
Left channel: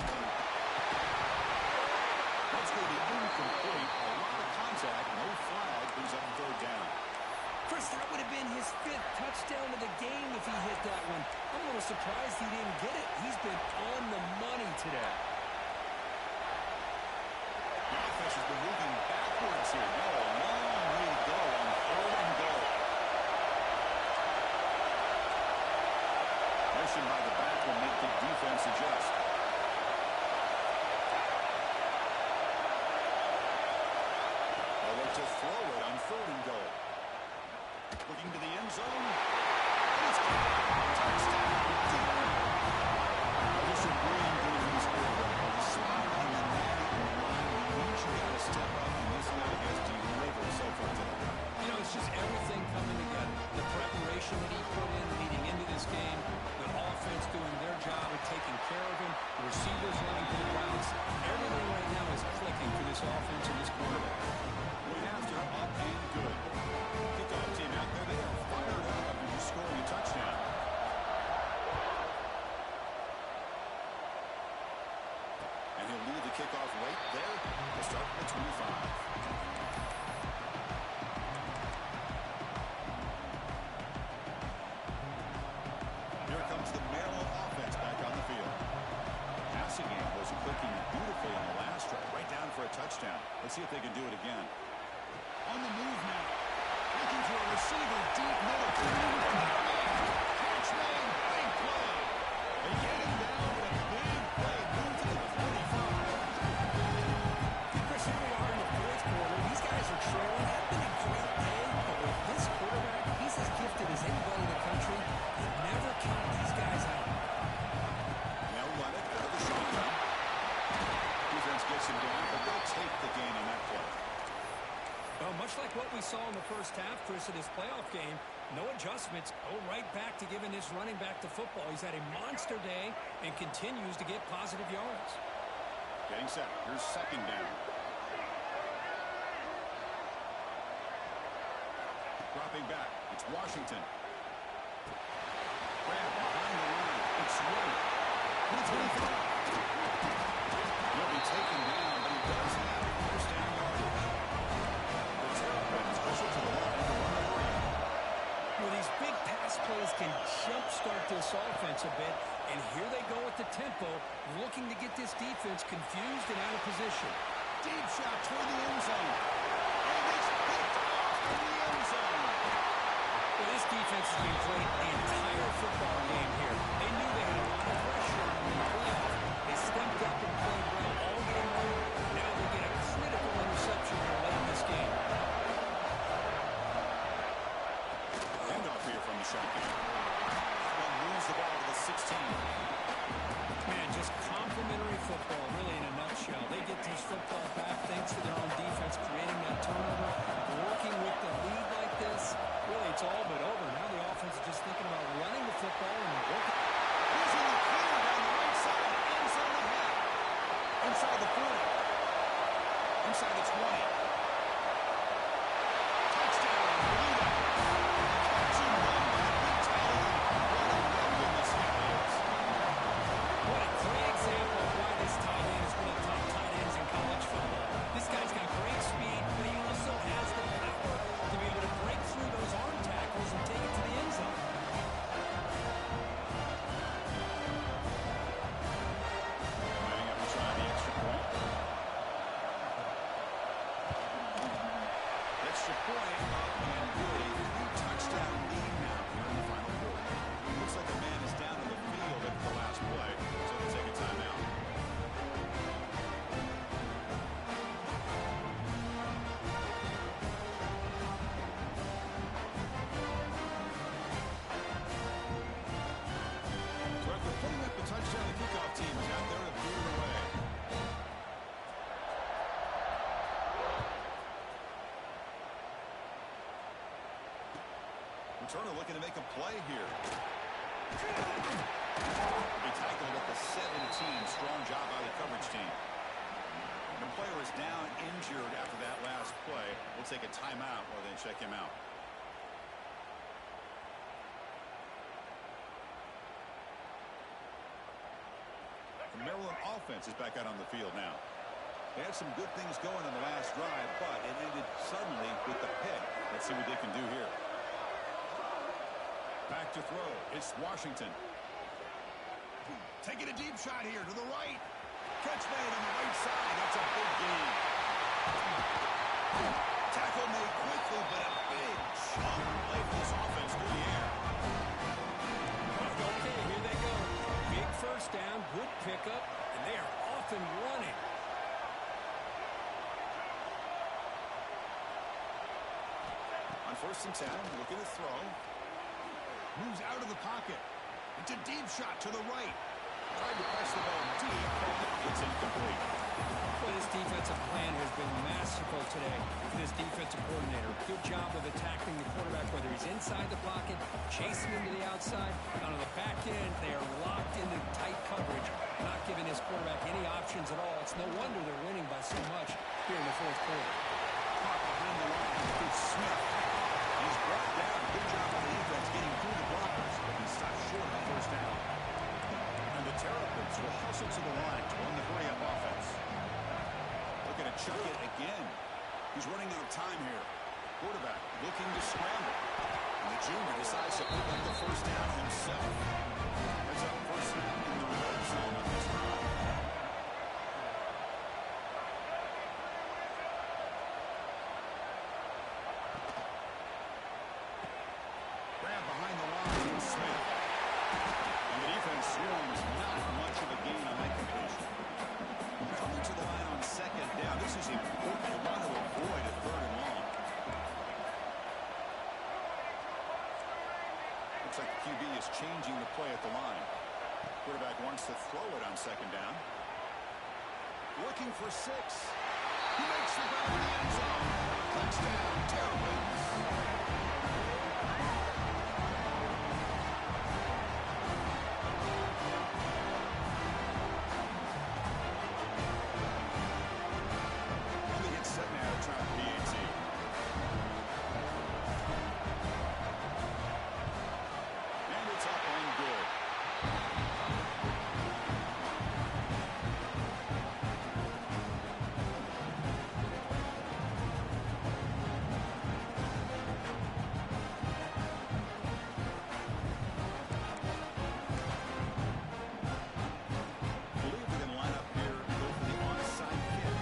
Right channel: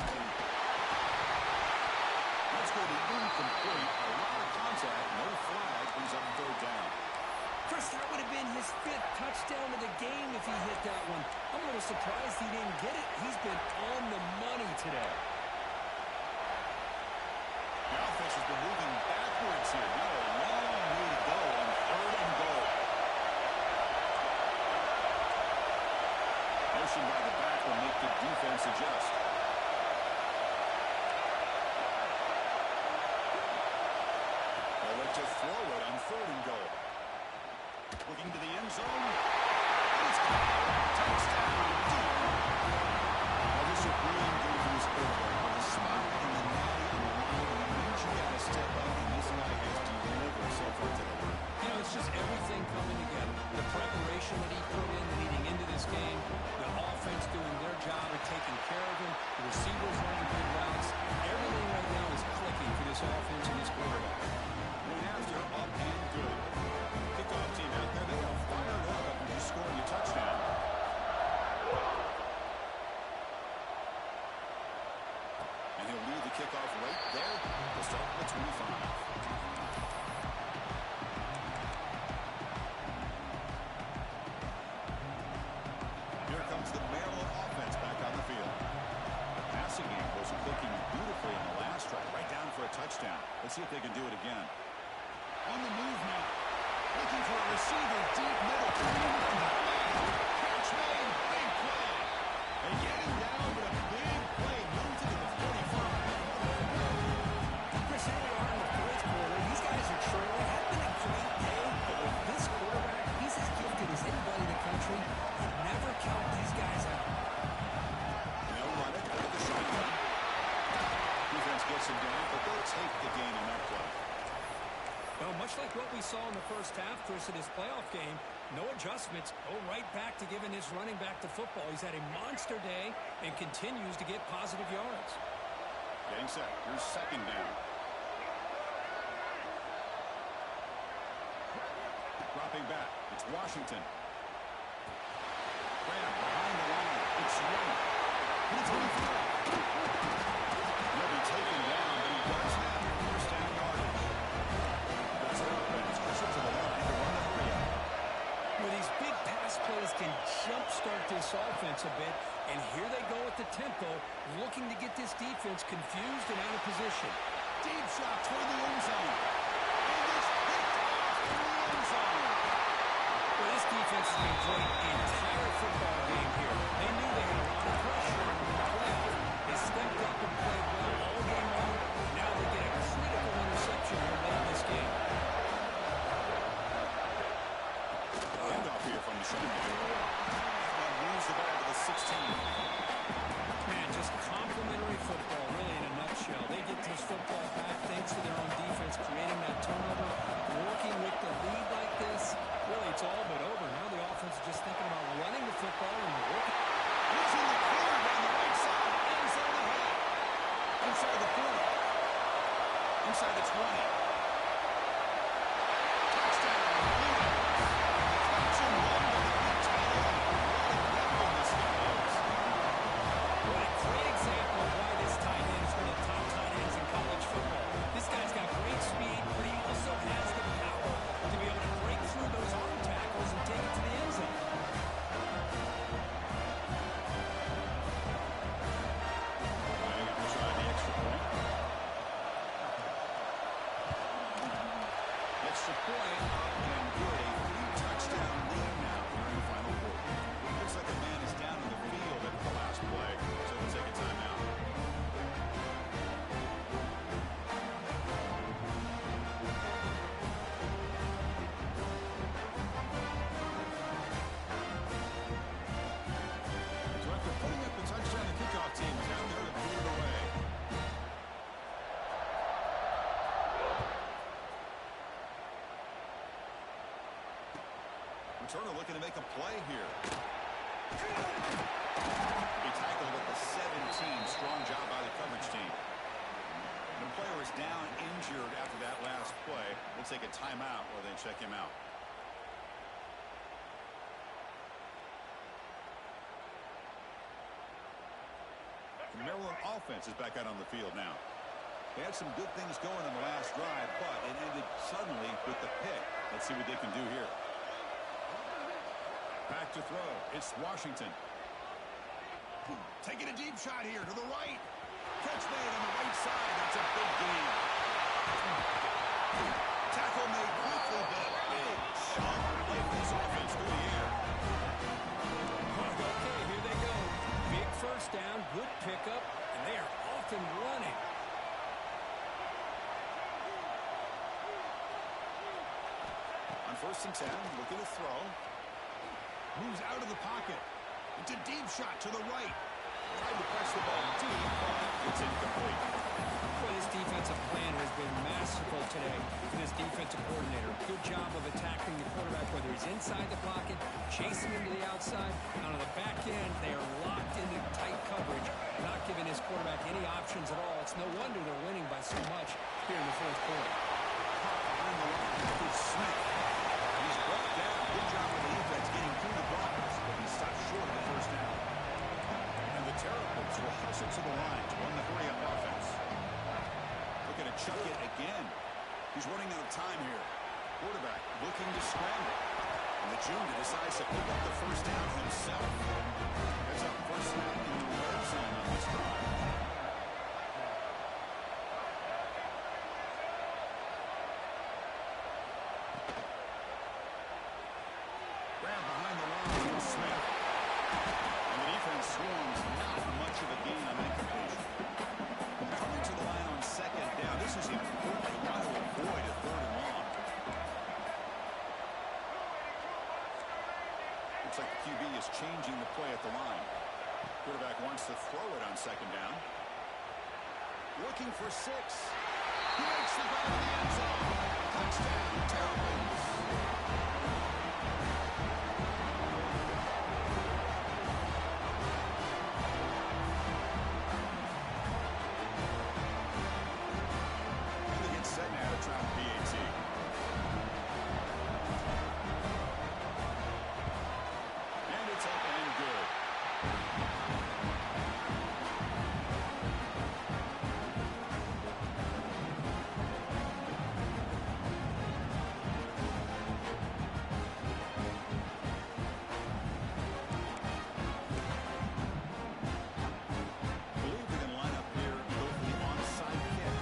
Let's go to incomplete. A lot of contact, no flag, brings up third down. Chris, that would have been his 5th touchdown of the game if he hit that one. I'm a little surprised he didn't get it. He's been on the money today. The offense has been moving backwards here. Now a long way to go on third and goal. Motion by the back will make the defense adjust. They'll look to throw it on third and goal. Looking to the end zone. And it's caught. Touchdown. Now this is a brilliant game for this quarterback. With the spot in the natty on the line, it means you got to step up, and this guy has delivered so far today. You know, it's just everything coming together. The preparation that he put in leading into this game, the offense doing their job of taking care of him, the receivers running good routes. Everything right now is clicking for this offense and this quarterback. Went after, up and good. Kickoff team out there, they are fired up after just scoring a touchdown. And he'll lead the kickoff right there to start at 25. Here comes the Maryland offense back on the field. The passing game was clicking beautifully in the last drive, right down for a touchdown. Let's see if they can do it again. On the move now. Looking for a receiver deep middle. Catch made. Big play. They get him down, but a big play moves into the 45. Chris, here we are in the fourth quarter. These guys are trailing. Had been a great day, but with this quarterback, he's as gifted as anybody in the country. You never count these guys out. They'll run it out of the shotgun. Defense gets him down, but they'll take the gain on that play. Well, much like what we saw in the first half, Chris, in this playoff game, no adjustments. Go right back to giving his running back to football. He's had a monster day and continues to get positive yards. Getting set. Here's second down. Dropping back. It's Washington. Grab behind the line. It's Young. It's 25. He'll be taken down, but he does have first down yardage. The Terrapins push it to the line to run the three-out. Well, these big pass plays can jumpstart this offense a bit, and here they go at the tempo, looking to get this defense confused and out of position. Deep shot toward the end zone. And it's picked off in the end zone. Well, this defense has been great the entire football game here. They knew they had a lot of pressure on them in the playoff. They stepped up and played well all game long. Now they get a critical interception here late in this game. Handoff here from the shotgun. One moves the ball to the 16. Man, just complimentary football, really, in a nutshell. They get this football back thanks to their own defense, creating that turnover, working with the lead like this. Really, it's all but over. Now the offense is just thinking about running the football and working. Losing the clear down the right side. End zone ahead. Inside the 40. Inside the 20. Touchdown, Blue Devils. Catch and run by the big tight end. What a weapon this guy is. What a great example of why this tight end is one of the top tight ends in college football. This guy's got great speed, but he also has the power to be able to break through those arm tackles and take it to the end zone. Lining up to try the extra point. Extra point up and good. A 3-touchdown lead now here in the final quarter. Looks like a man is down on the field at the last play, so they'll take a timeout. So after putting up the touchdown, the kickoff team is out there to boot it away. Returner looking to make a play here. He tackled at the 17. Strong job by the coverage team. The player is down injured after that last play. We'll take a timeout while they check him out. The Maryland offense is back out on the field now. They had some good things going on the last drive, but it ended suddenly with the pick. Let's see what they can do here. Back to throw. It's Washington. Taking a deep shot here to the right. Catch made on the right side. That's a big gain. Tackle made quickly, but a big chunk play for this offense through the air. Okay, here they go. Big first down, good pickup, and they are off and running. On 1st and 10, looking to throw. Moves out of the pocket. It's a deep shot to the right. Tried to press the ball deep, but it's incomplete. Boy, this defensive plan has been masterful today for this defensive coordinator. Good job of attacking the quarterback, whether he's inside the pocket, chasing him to the outside. And on the back end, they are locked into tight coverage, not giving his quarterback any options at all. It's no wonder they're winning by so much here in the 4th quarter. Caught behind the line. It's Smith. He's brought down. Good job by the defense getting through the blockers, but he stopped short of the first down. And the Terrapins will hustle to the line to run the hurry-up offense. Looking to chuck it again. He's running out of time here. Quarterback looking to scramble. And the junior decides to pick up the first down himself. Heads up first snap in the red zone on this drive. Grab behind the line with Smith. And the defense swarms not much of a gain on that completion. Coming to the line on 2nd down. This is important. They want to avoid a 3rd and long. Looks like the QB is changing the play at the line. Quarterback wants to throw it on 2nd down. Looking for 6. He makes the grab in the end zone. Touchdown, Terrapins. Set now to try the PAT. And it's up and good. Believe they can line up here and go for the onside kick.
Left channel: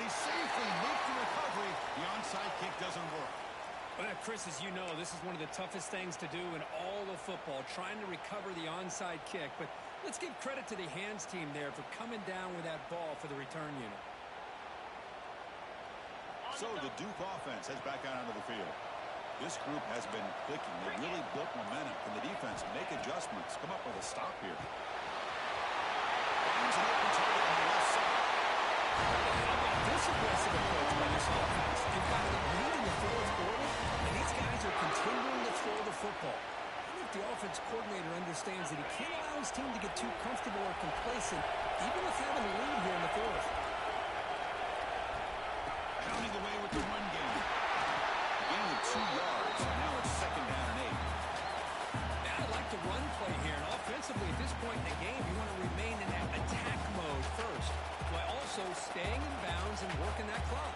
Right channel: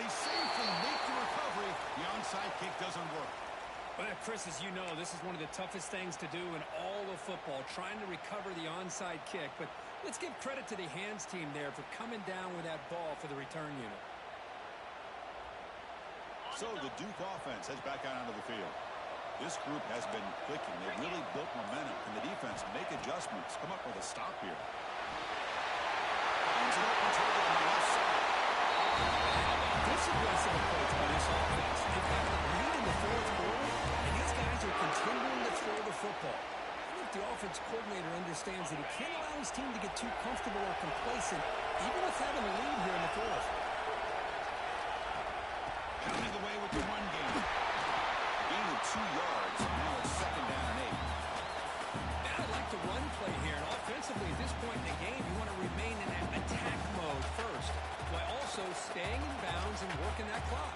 He safely makes the recovery. The onside kick doesn't work. Well, Chris, as you know, this is one of the toughest things to do in all of football, trying to recover the onside kick. But let's give credit to the hands team there for coming down with that ball for the return unit. So the Duke offense heads back out onto the field. This group has been clicking. They really built momentum. Can the defense make adjustments? Come up with a stop here. Finds an open target on the left side. How about this This aggressive approach by this offense. They've got the lead in the fourth quarter, and these guys are continuing to throw the football. I think the offense coordinator understands that he can't allow his team to get too comfortable or complacent, even with having a lead here in the fourth. Pounding away with the run game. Gain of 2 yards. Now it's 2nd down and 8. Now I like the run play here. And offensively, at this point in the game, you want to remain in that attack mode first, while also staying in bounds and working that clock.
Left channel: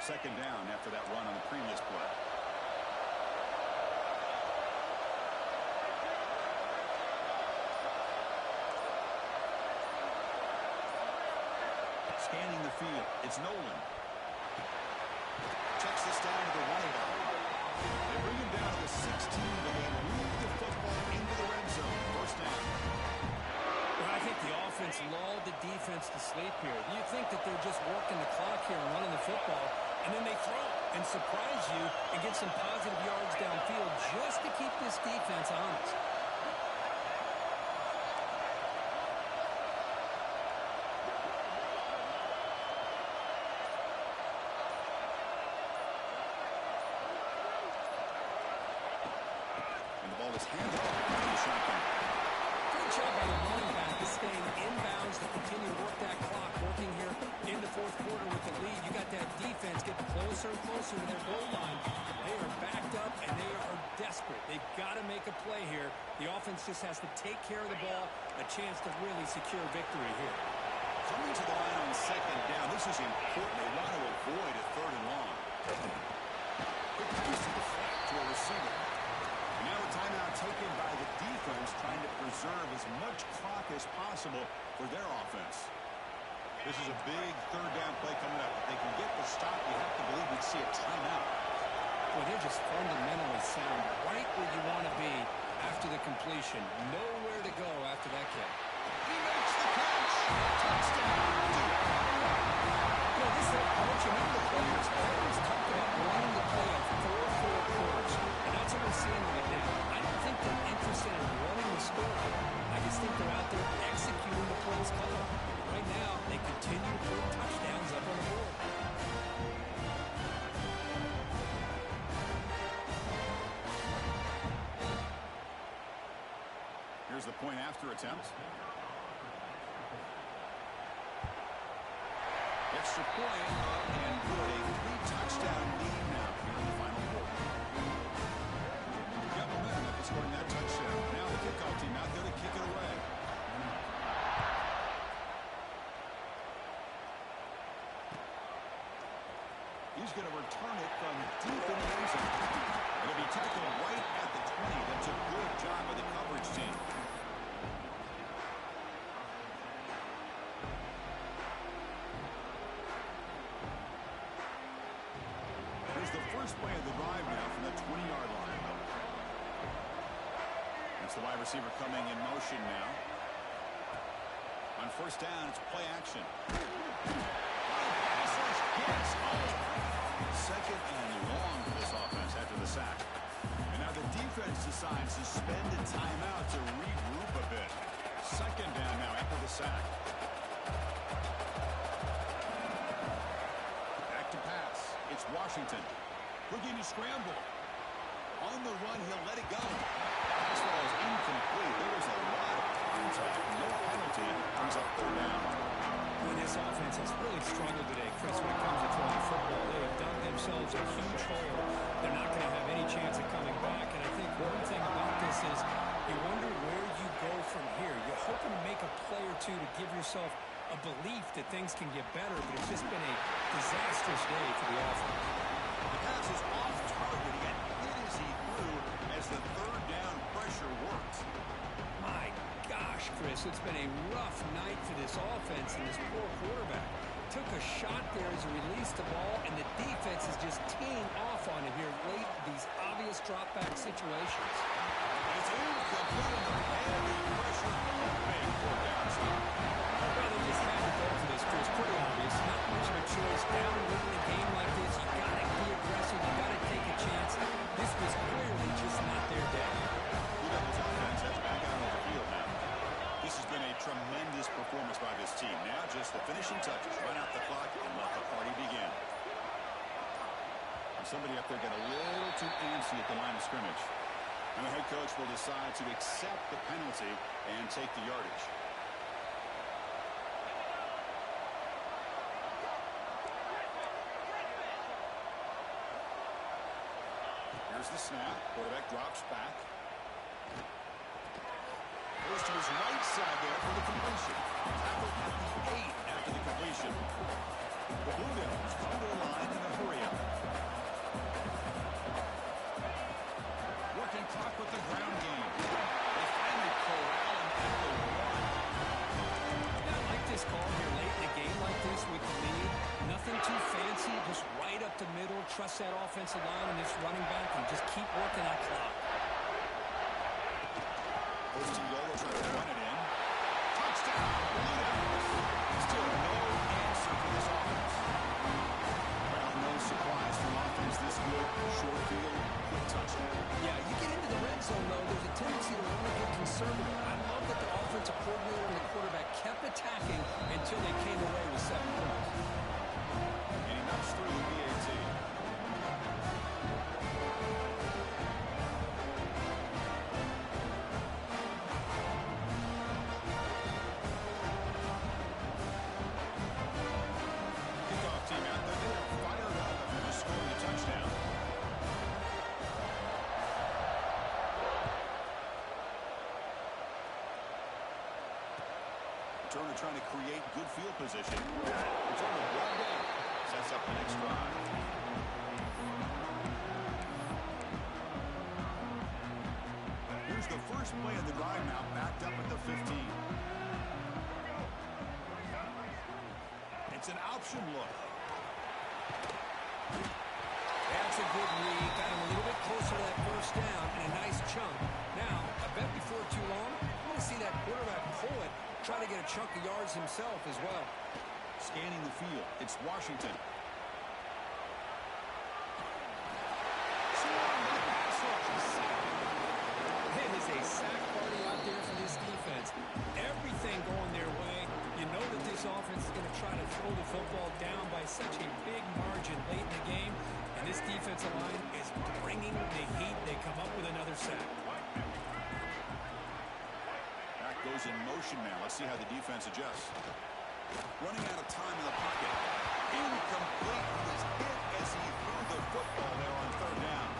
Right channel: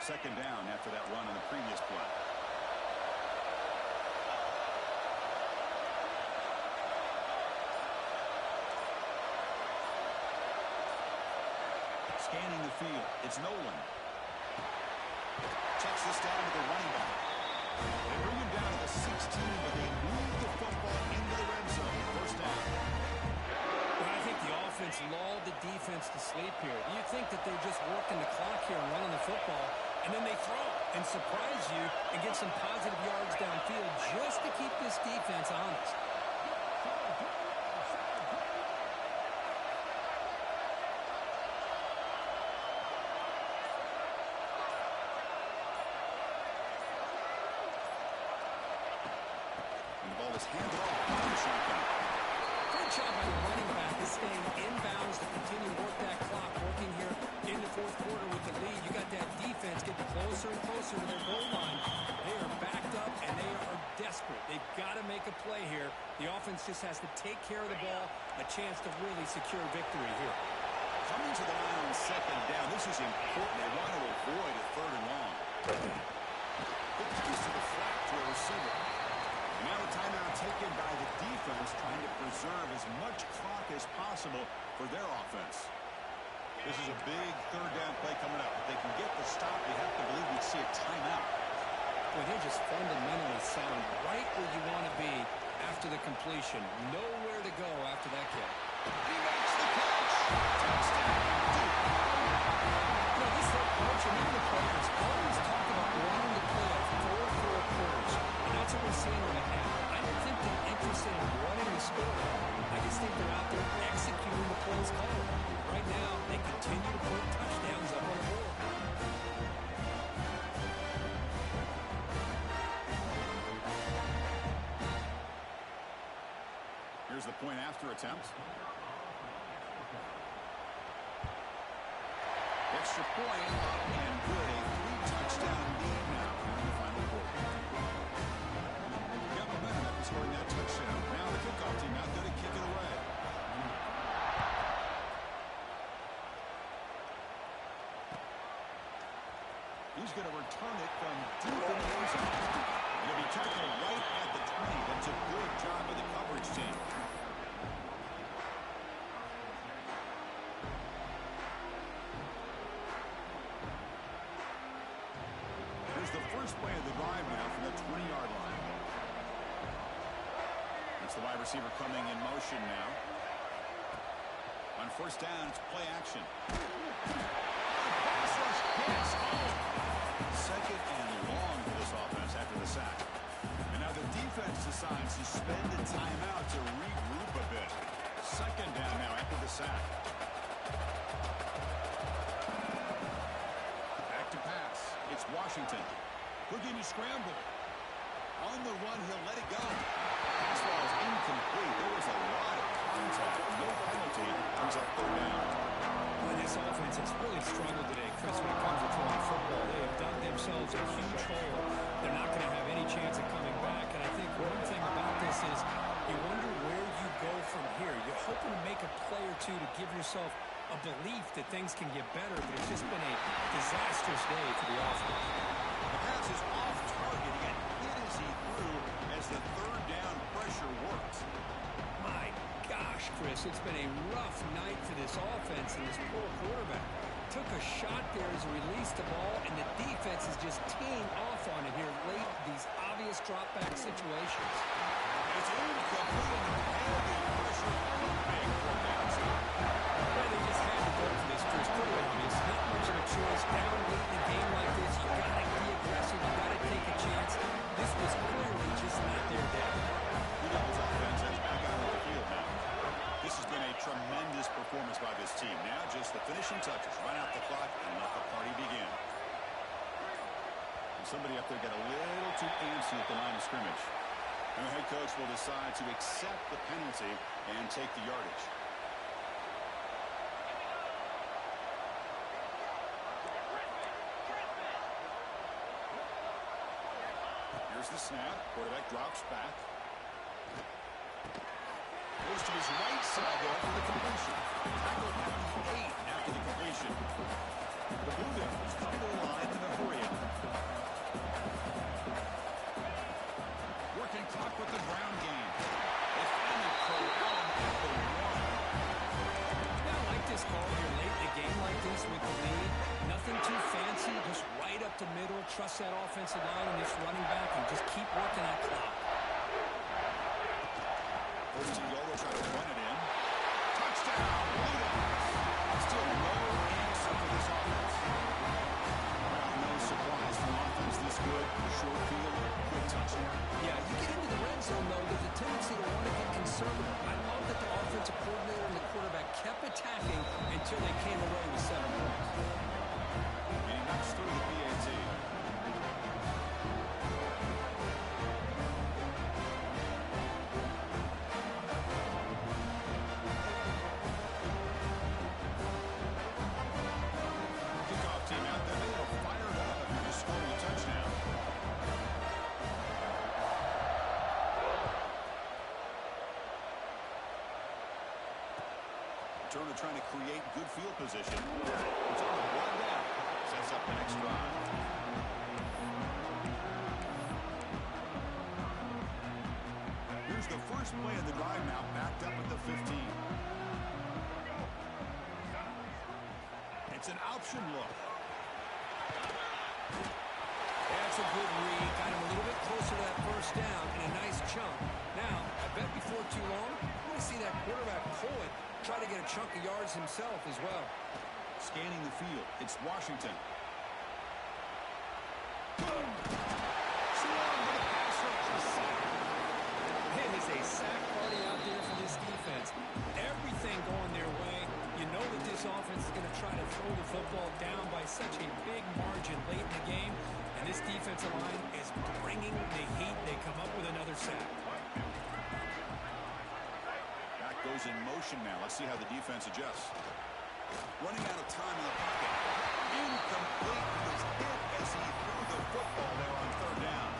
Second down after that run on the previous play. Scanning the field, it's Nolan. Checks this down to the running back. They bring him down to the 16, but they move the football into the red zone. First down. Well, I think the offense lulled the defense to sleep here. You think that they're just working the clock here and running the football, and then they throw and surprise you and get some positive yards downfield just to keep this defense honest. And the ball is handed off by the shotgun. Great job by the running back is staying inbounds to continue to work that clock, working here in the fourth quarter with the lead. You got that defense getting closer and closer to their goal line. They are backed up, and they are desperate. They've got to make a play here. The offense just has to take care of the ball, a chance to really secure victory here. Coming to the line on 2nd down. This is important. They want to avoid a 3rd and long. Quick pass to the flat to a receiver. And now a timeout taken by the defense, trying to preserve as much clock as possible for their offense. This is a big 3rd down play coming up. If they can get the stop, you have to believe we'd see a timeout. Boy, they're just fundamentally sound, right where you want to be after the completion. Nowhere to go after that kick. He makes the catch. Touchdown, Duke. You know, this head coach and even the players always talk about wanting to play a full 4 quarters. And that's what we're seeing right now. I don't think they're interested in running the score. I just think they're out there executing the plays called. Right now, they continue to put touchdowns up on the board. Here's the point after attempt. Extra point up and good. A 3-touchdown lead now here in the final quarter. Got momentum after scoring that touchdown. Now the kickoff team out there to kick it away. He's going to return it from deep in the end zone. And it'll be tackled right at the 20. That's a good job by the coverage team. Here's the first play of the drive now from the 20-yard line. That's the wide receiver coming in motion now. On first down, it's play action. Pass rush gets home. 2nd and long for this offense after the sack. And now the defense decides to spend a timeout to regroup a bit. 2nd down now after the sack. Back to pass. It's Washington. Looking to scramble. On the run, he'll let it go. Pass ball is incomplete. There was a lot of contact. No penalty. Brings up 3rd down. Well, this offense has really struggled today, Chris, when it comes to throwing the football. They have dug themselves a huge hole. They're not going to have any chance of coming back. And I think one thing about this is you wonder where you go from here. You're hoping to make a play or two to give yourself a belief that things can get better, but it's just been a disastrous day for the offense. The pass is off target. He got hit as he threw as the 3rd down pressure worked. My gosh, Chris, it's been a rough night for this offense and this poor quarterback. Took a shot there as he released the ball, and the defense is just teeing off on it here late, these obvious drop-back situations. It's incomplete under heavy pressure. Big 4th down stop. Well, they just had to go for this, Chris. Pretty obvious. Not much of a choice. Down late in a game like this, finishing touches. Run out the clock and let the party begin. And somebody up there got a little too antsy at the line of scrimmage. And the head coach will decide to accept the penalty and take the yardage. Here's the snap. Quarterback drops back. Goes to his right side there for the completion. Tackled at the 8 after the completion. The Blue Devils come to the line in a hurry up. Working clock with the ground game. They finally corral him at the 1. Yeah, I like this call here late in the game like this with the lead. Nothing too fancy, just right up the middle. Trust that offensive line and this running back and just keep working that clock. First and goal, they'll try to run it in. Touchdown, Blue Devils. Still no answer for this offense. Well, no surprise from offense this good. Short field, quick touchdown. Yeah, you get into the red zone, though, there's a tendency to want to get conservative. I love that the offensive coordinator and the quarterback kept attacking until they came away with 7 points. And he knocks through the PAT. Team out there, they are fired up after just scoring a touchdown. Returner trying to create good field position. Returner brought down. Sets up the next drive. Here's the first play of the drive now, backed up at the 15. It's an option look. That's a good read. Got him a little bit closer to that first down and a nice chunk. Now, I bet before too long, we're going to see that quarterback pull it, try to get a chunk of yards himself as well. Scanning the field, it's Washington. Swarm with a pass rush. Sack. It is a sack party out there for this defense. Everything going their way. You know that this offense is going to try to throw the football down by such a big margin late in the game. And this defensive line is bringing the heat. They come up with another sack. Back goes in motion now. Let's see how the defense adjusts. Running out of time in the pocket. Incomplete. He was hit as he threw the football there on third down.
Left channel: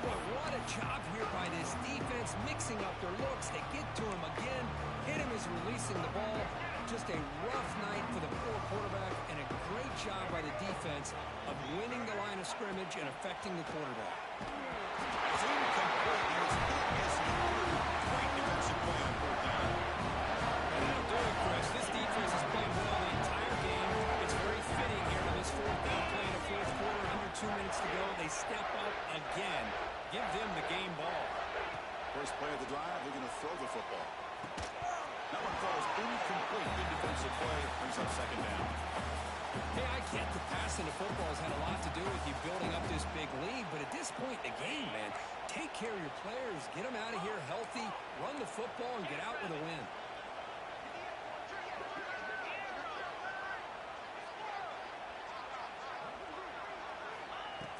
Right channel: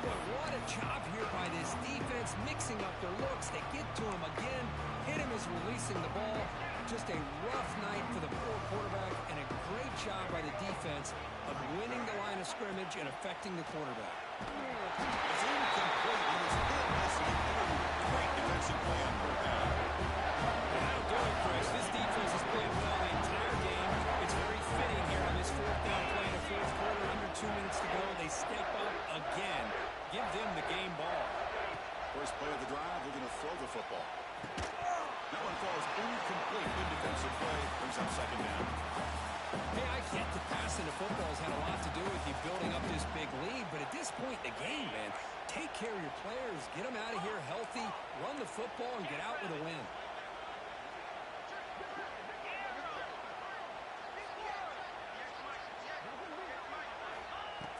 Boy, what a job here by this defense, mixing up their looks. They get to him again. Hit him as releasing the ball. Just a rough night for the poor quarterback, and a great job by the defense of winning the line of scrimmage and affecting the quarterback. It's incomplete. He was hit as he threw. Great defensive play on third down. And that'll do it, Chris. This defense has played well the entire game. It's very fitting here on this fourth down play in the fourth quarter. Under 2 minutes to go, they step up again. Give them the game ball. First play of the drive, they're going to throw the football. That one falls incomplete. Good defensive play. Brings up second down. Hey, I get the passing of football has had a lot to do with you building up this big lead, but at this point in the game, man, take care of your players. Get them out of here healthy, run the football, and get out with a win.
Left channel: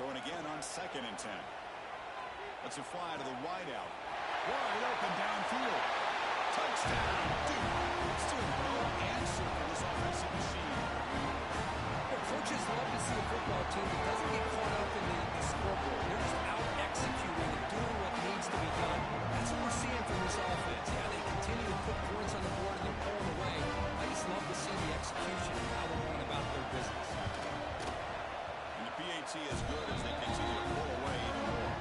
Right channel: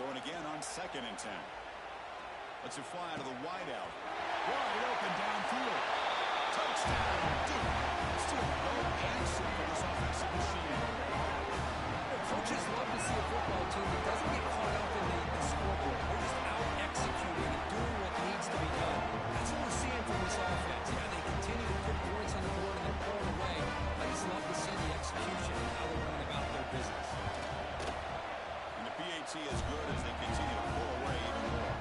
Throwing again on 2nd and 10. Lets it fly to the wideout. Wide open downfield. Touchdown, Duke. Still no answer for this offensive machine. Coaches love to see a football team that doesn't get caught up in the scoreboard. They're just out executing and doing what needs to be done. That's what we're seeing from this offense. Yeah, they continue to put points on the board and they're pulling away. I just love to see the execution and how they're going about their business. And the PAT is good as they continue to pull away even more.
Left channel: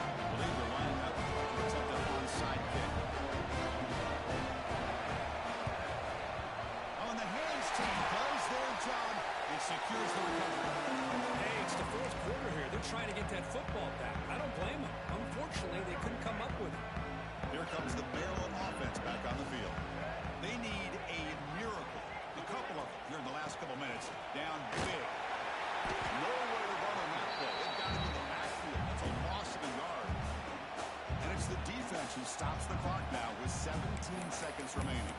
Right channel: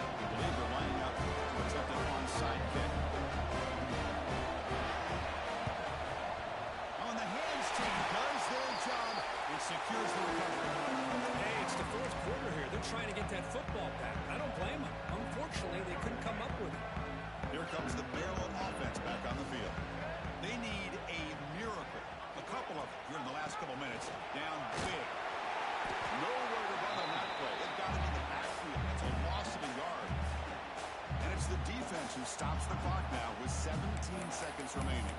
I believe they're lining up to attempt an onside kick. On the hands team does their job and secures the recovery. Hey, it's the fourth quarter here. They're trying to get that football back. I don't blame them. Unfortunately, they couldn't come up with it. Here comes the Maryland offense back on the field. They need a miracle. A couple of them here in the last couple minutes. Down big. Nowhere to run on that play. They've got him in the backfield. That's a loss of a yard. And it's the defense who stops the clock now with 17 seconds remaining.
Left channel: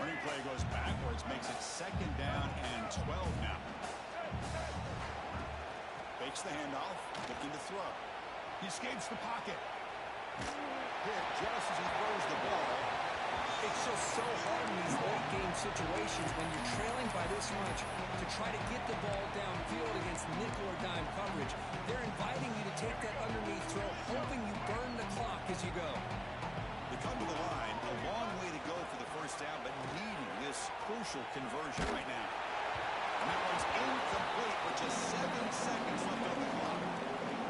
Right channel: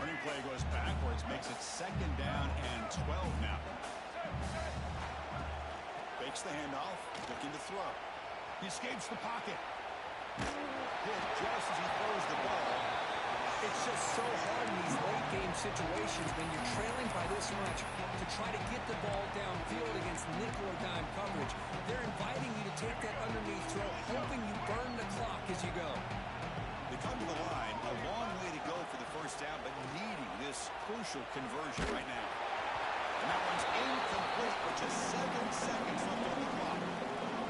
Running play goes backwards, makes it 2nd down and 12 now. Fakes the handoff, looking to throw. He escapes the pocket. Hit just as he throws the ball. It's just so hard in these late-game situations when you're trailing by this much to try to get the ball downfield against nickel or dime coverage. They're inviting you to take that underneath throw, hoping you burn the clock as you go. They come to the line, a long way to go for the first down, but needing this crucial conversion right now. And that one's incomplete with just 7 seconds left on the clock.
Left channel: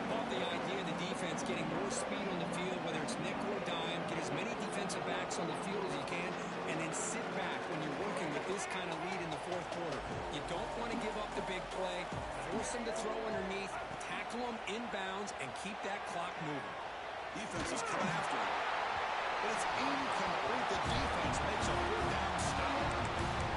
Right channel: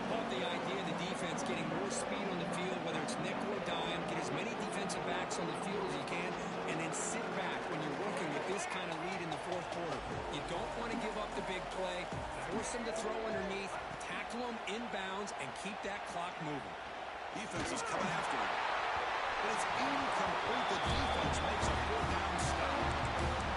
Love the idea of the defense getting more speed on the field, whether it's nickel or dime, get as many defensive backs on the field as you can, and then sit back when you're working with this kind of lead in the 4th quarter. You don't want to give up the big play, force them to throw underneath, tackle them inbounds, and keep that clock moving. Defense is coming after him. But it's incomplete. The defense makes a 4th down stop.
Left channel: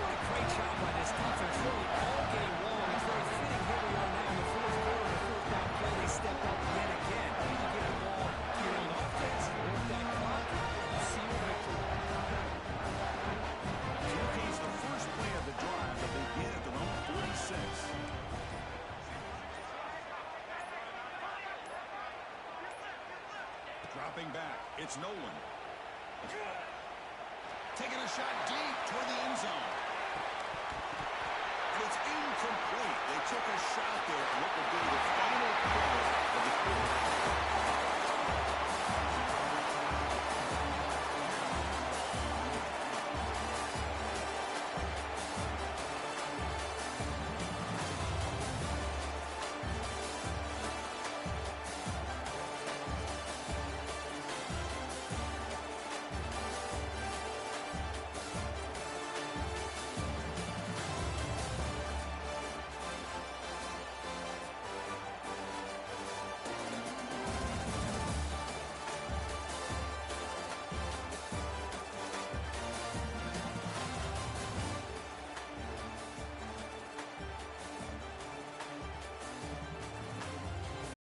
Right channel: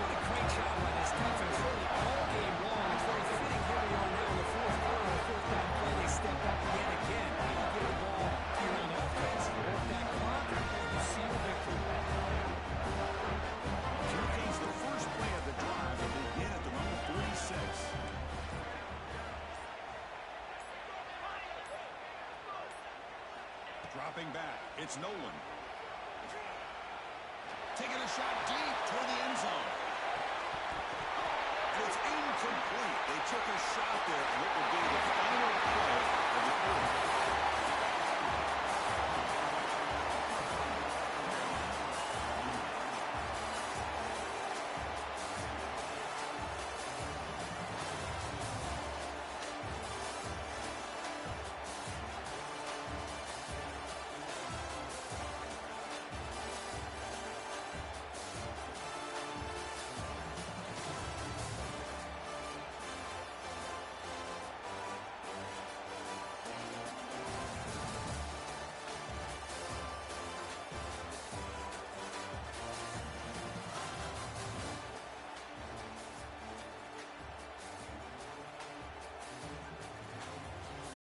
What a great job by this defense, really all game long. It's very fitting here we are now in the 4th quarter. On a 4th down play, they step up yet again. You give the ball to your own offense, you work that clock, you see your victory. Here comes the first play of the drive. They'll begin at their own 46. Dropping back, it's Nolan. Taking a shot deep toward the end zone. And it's incomplete. They took a shot there on what will be the final play of the quarter.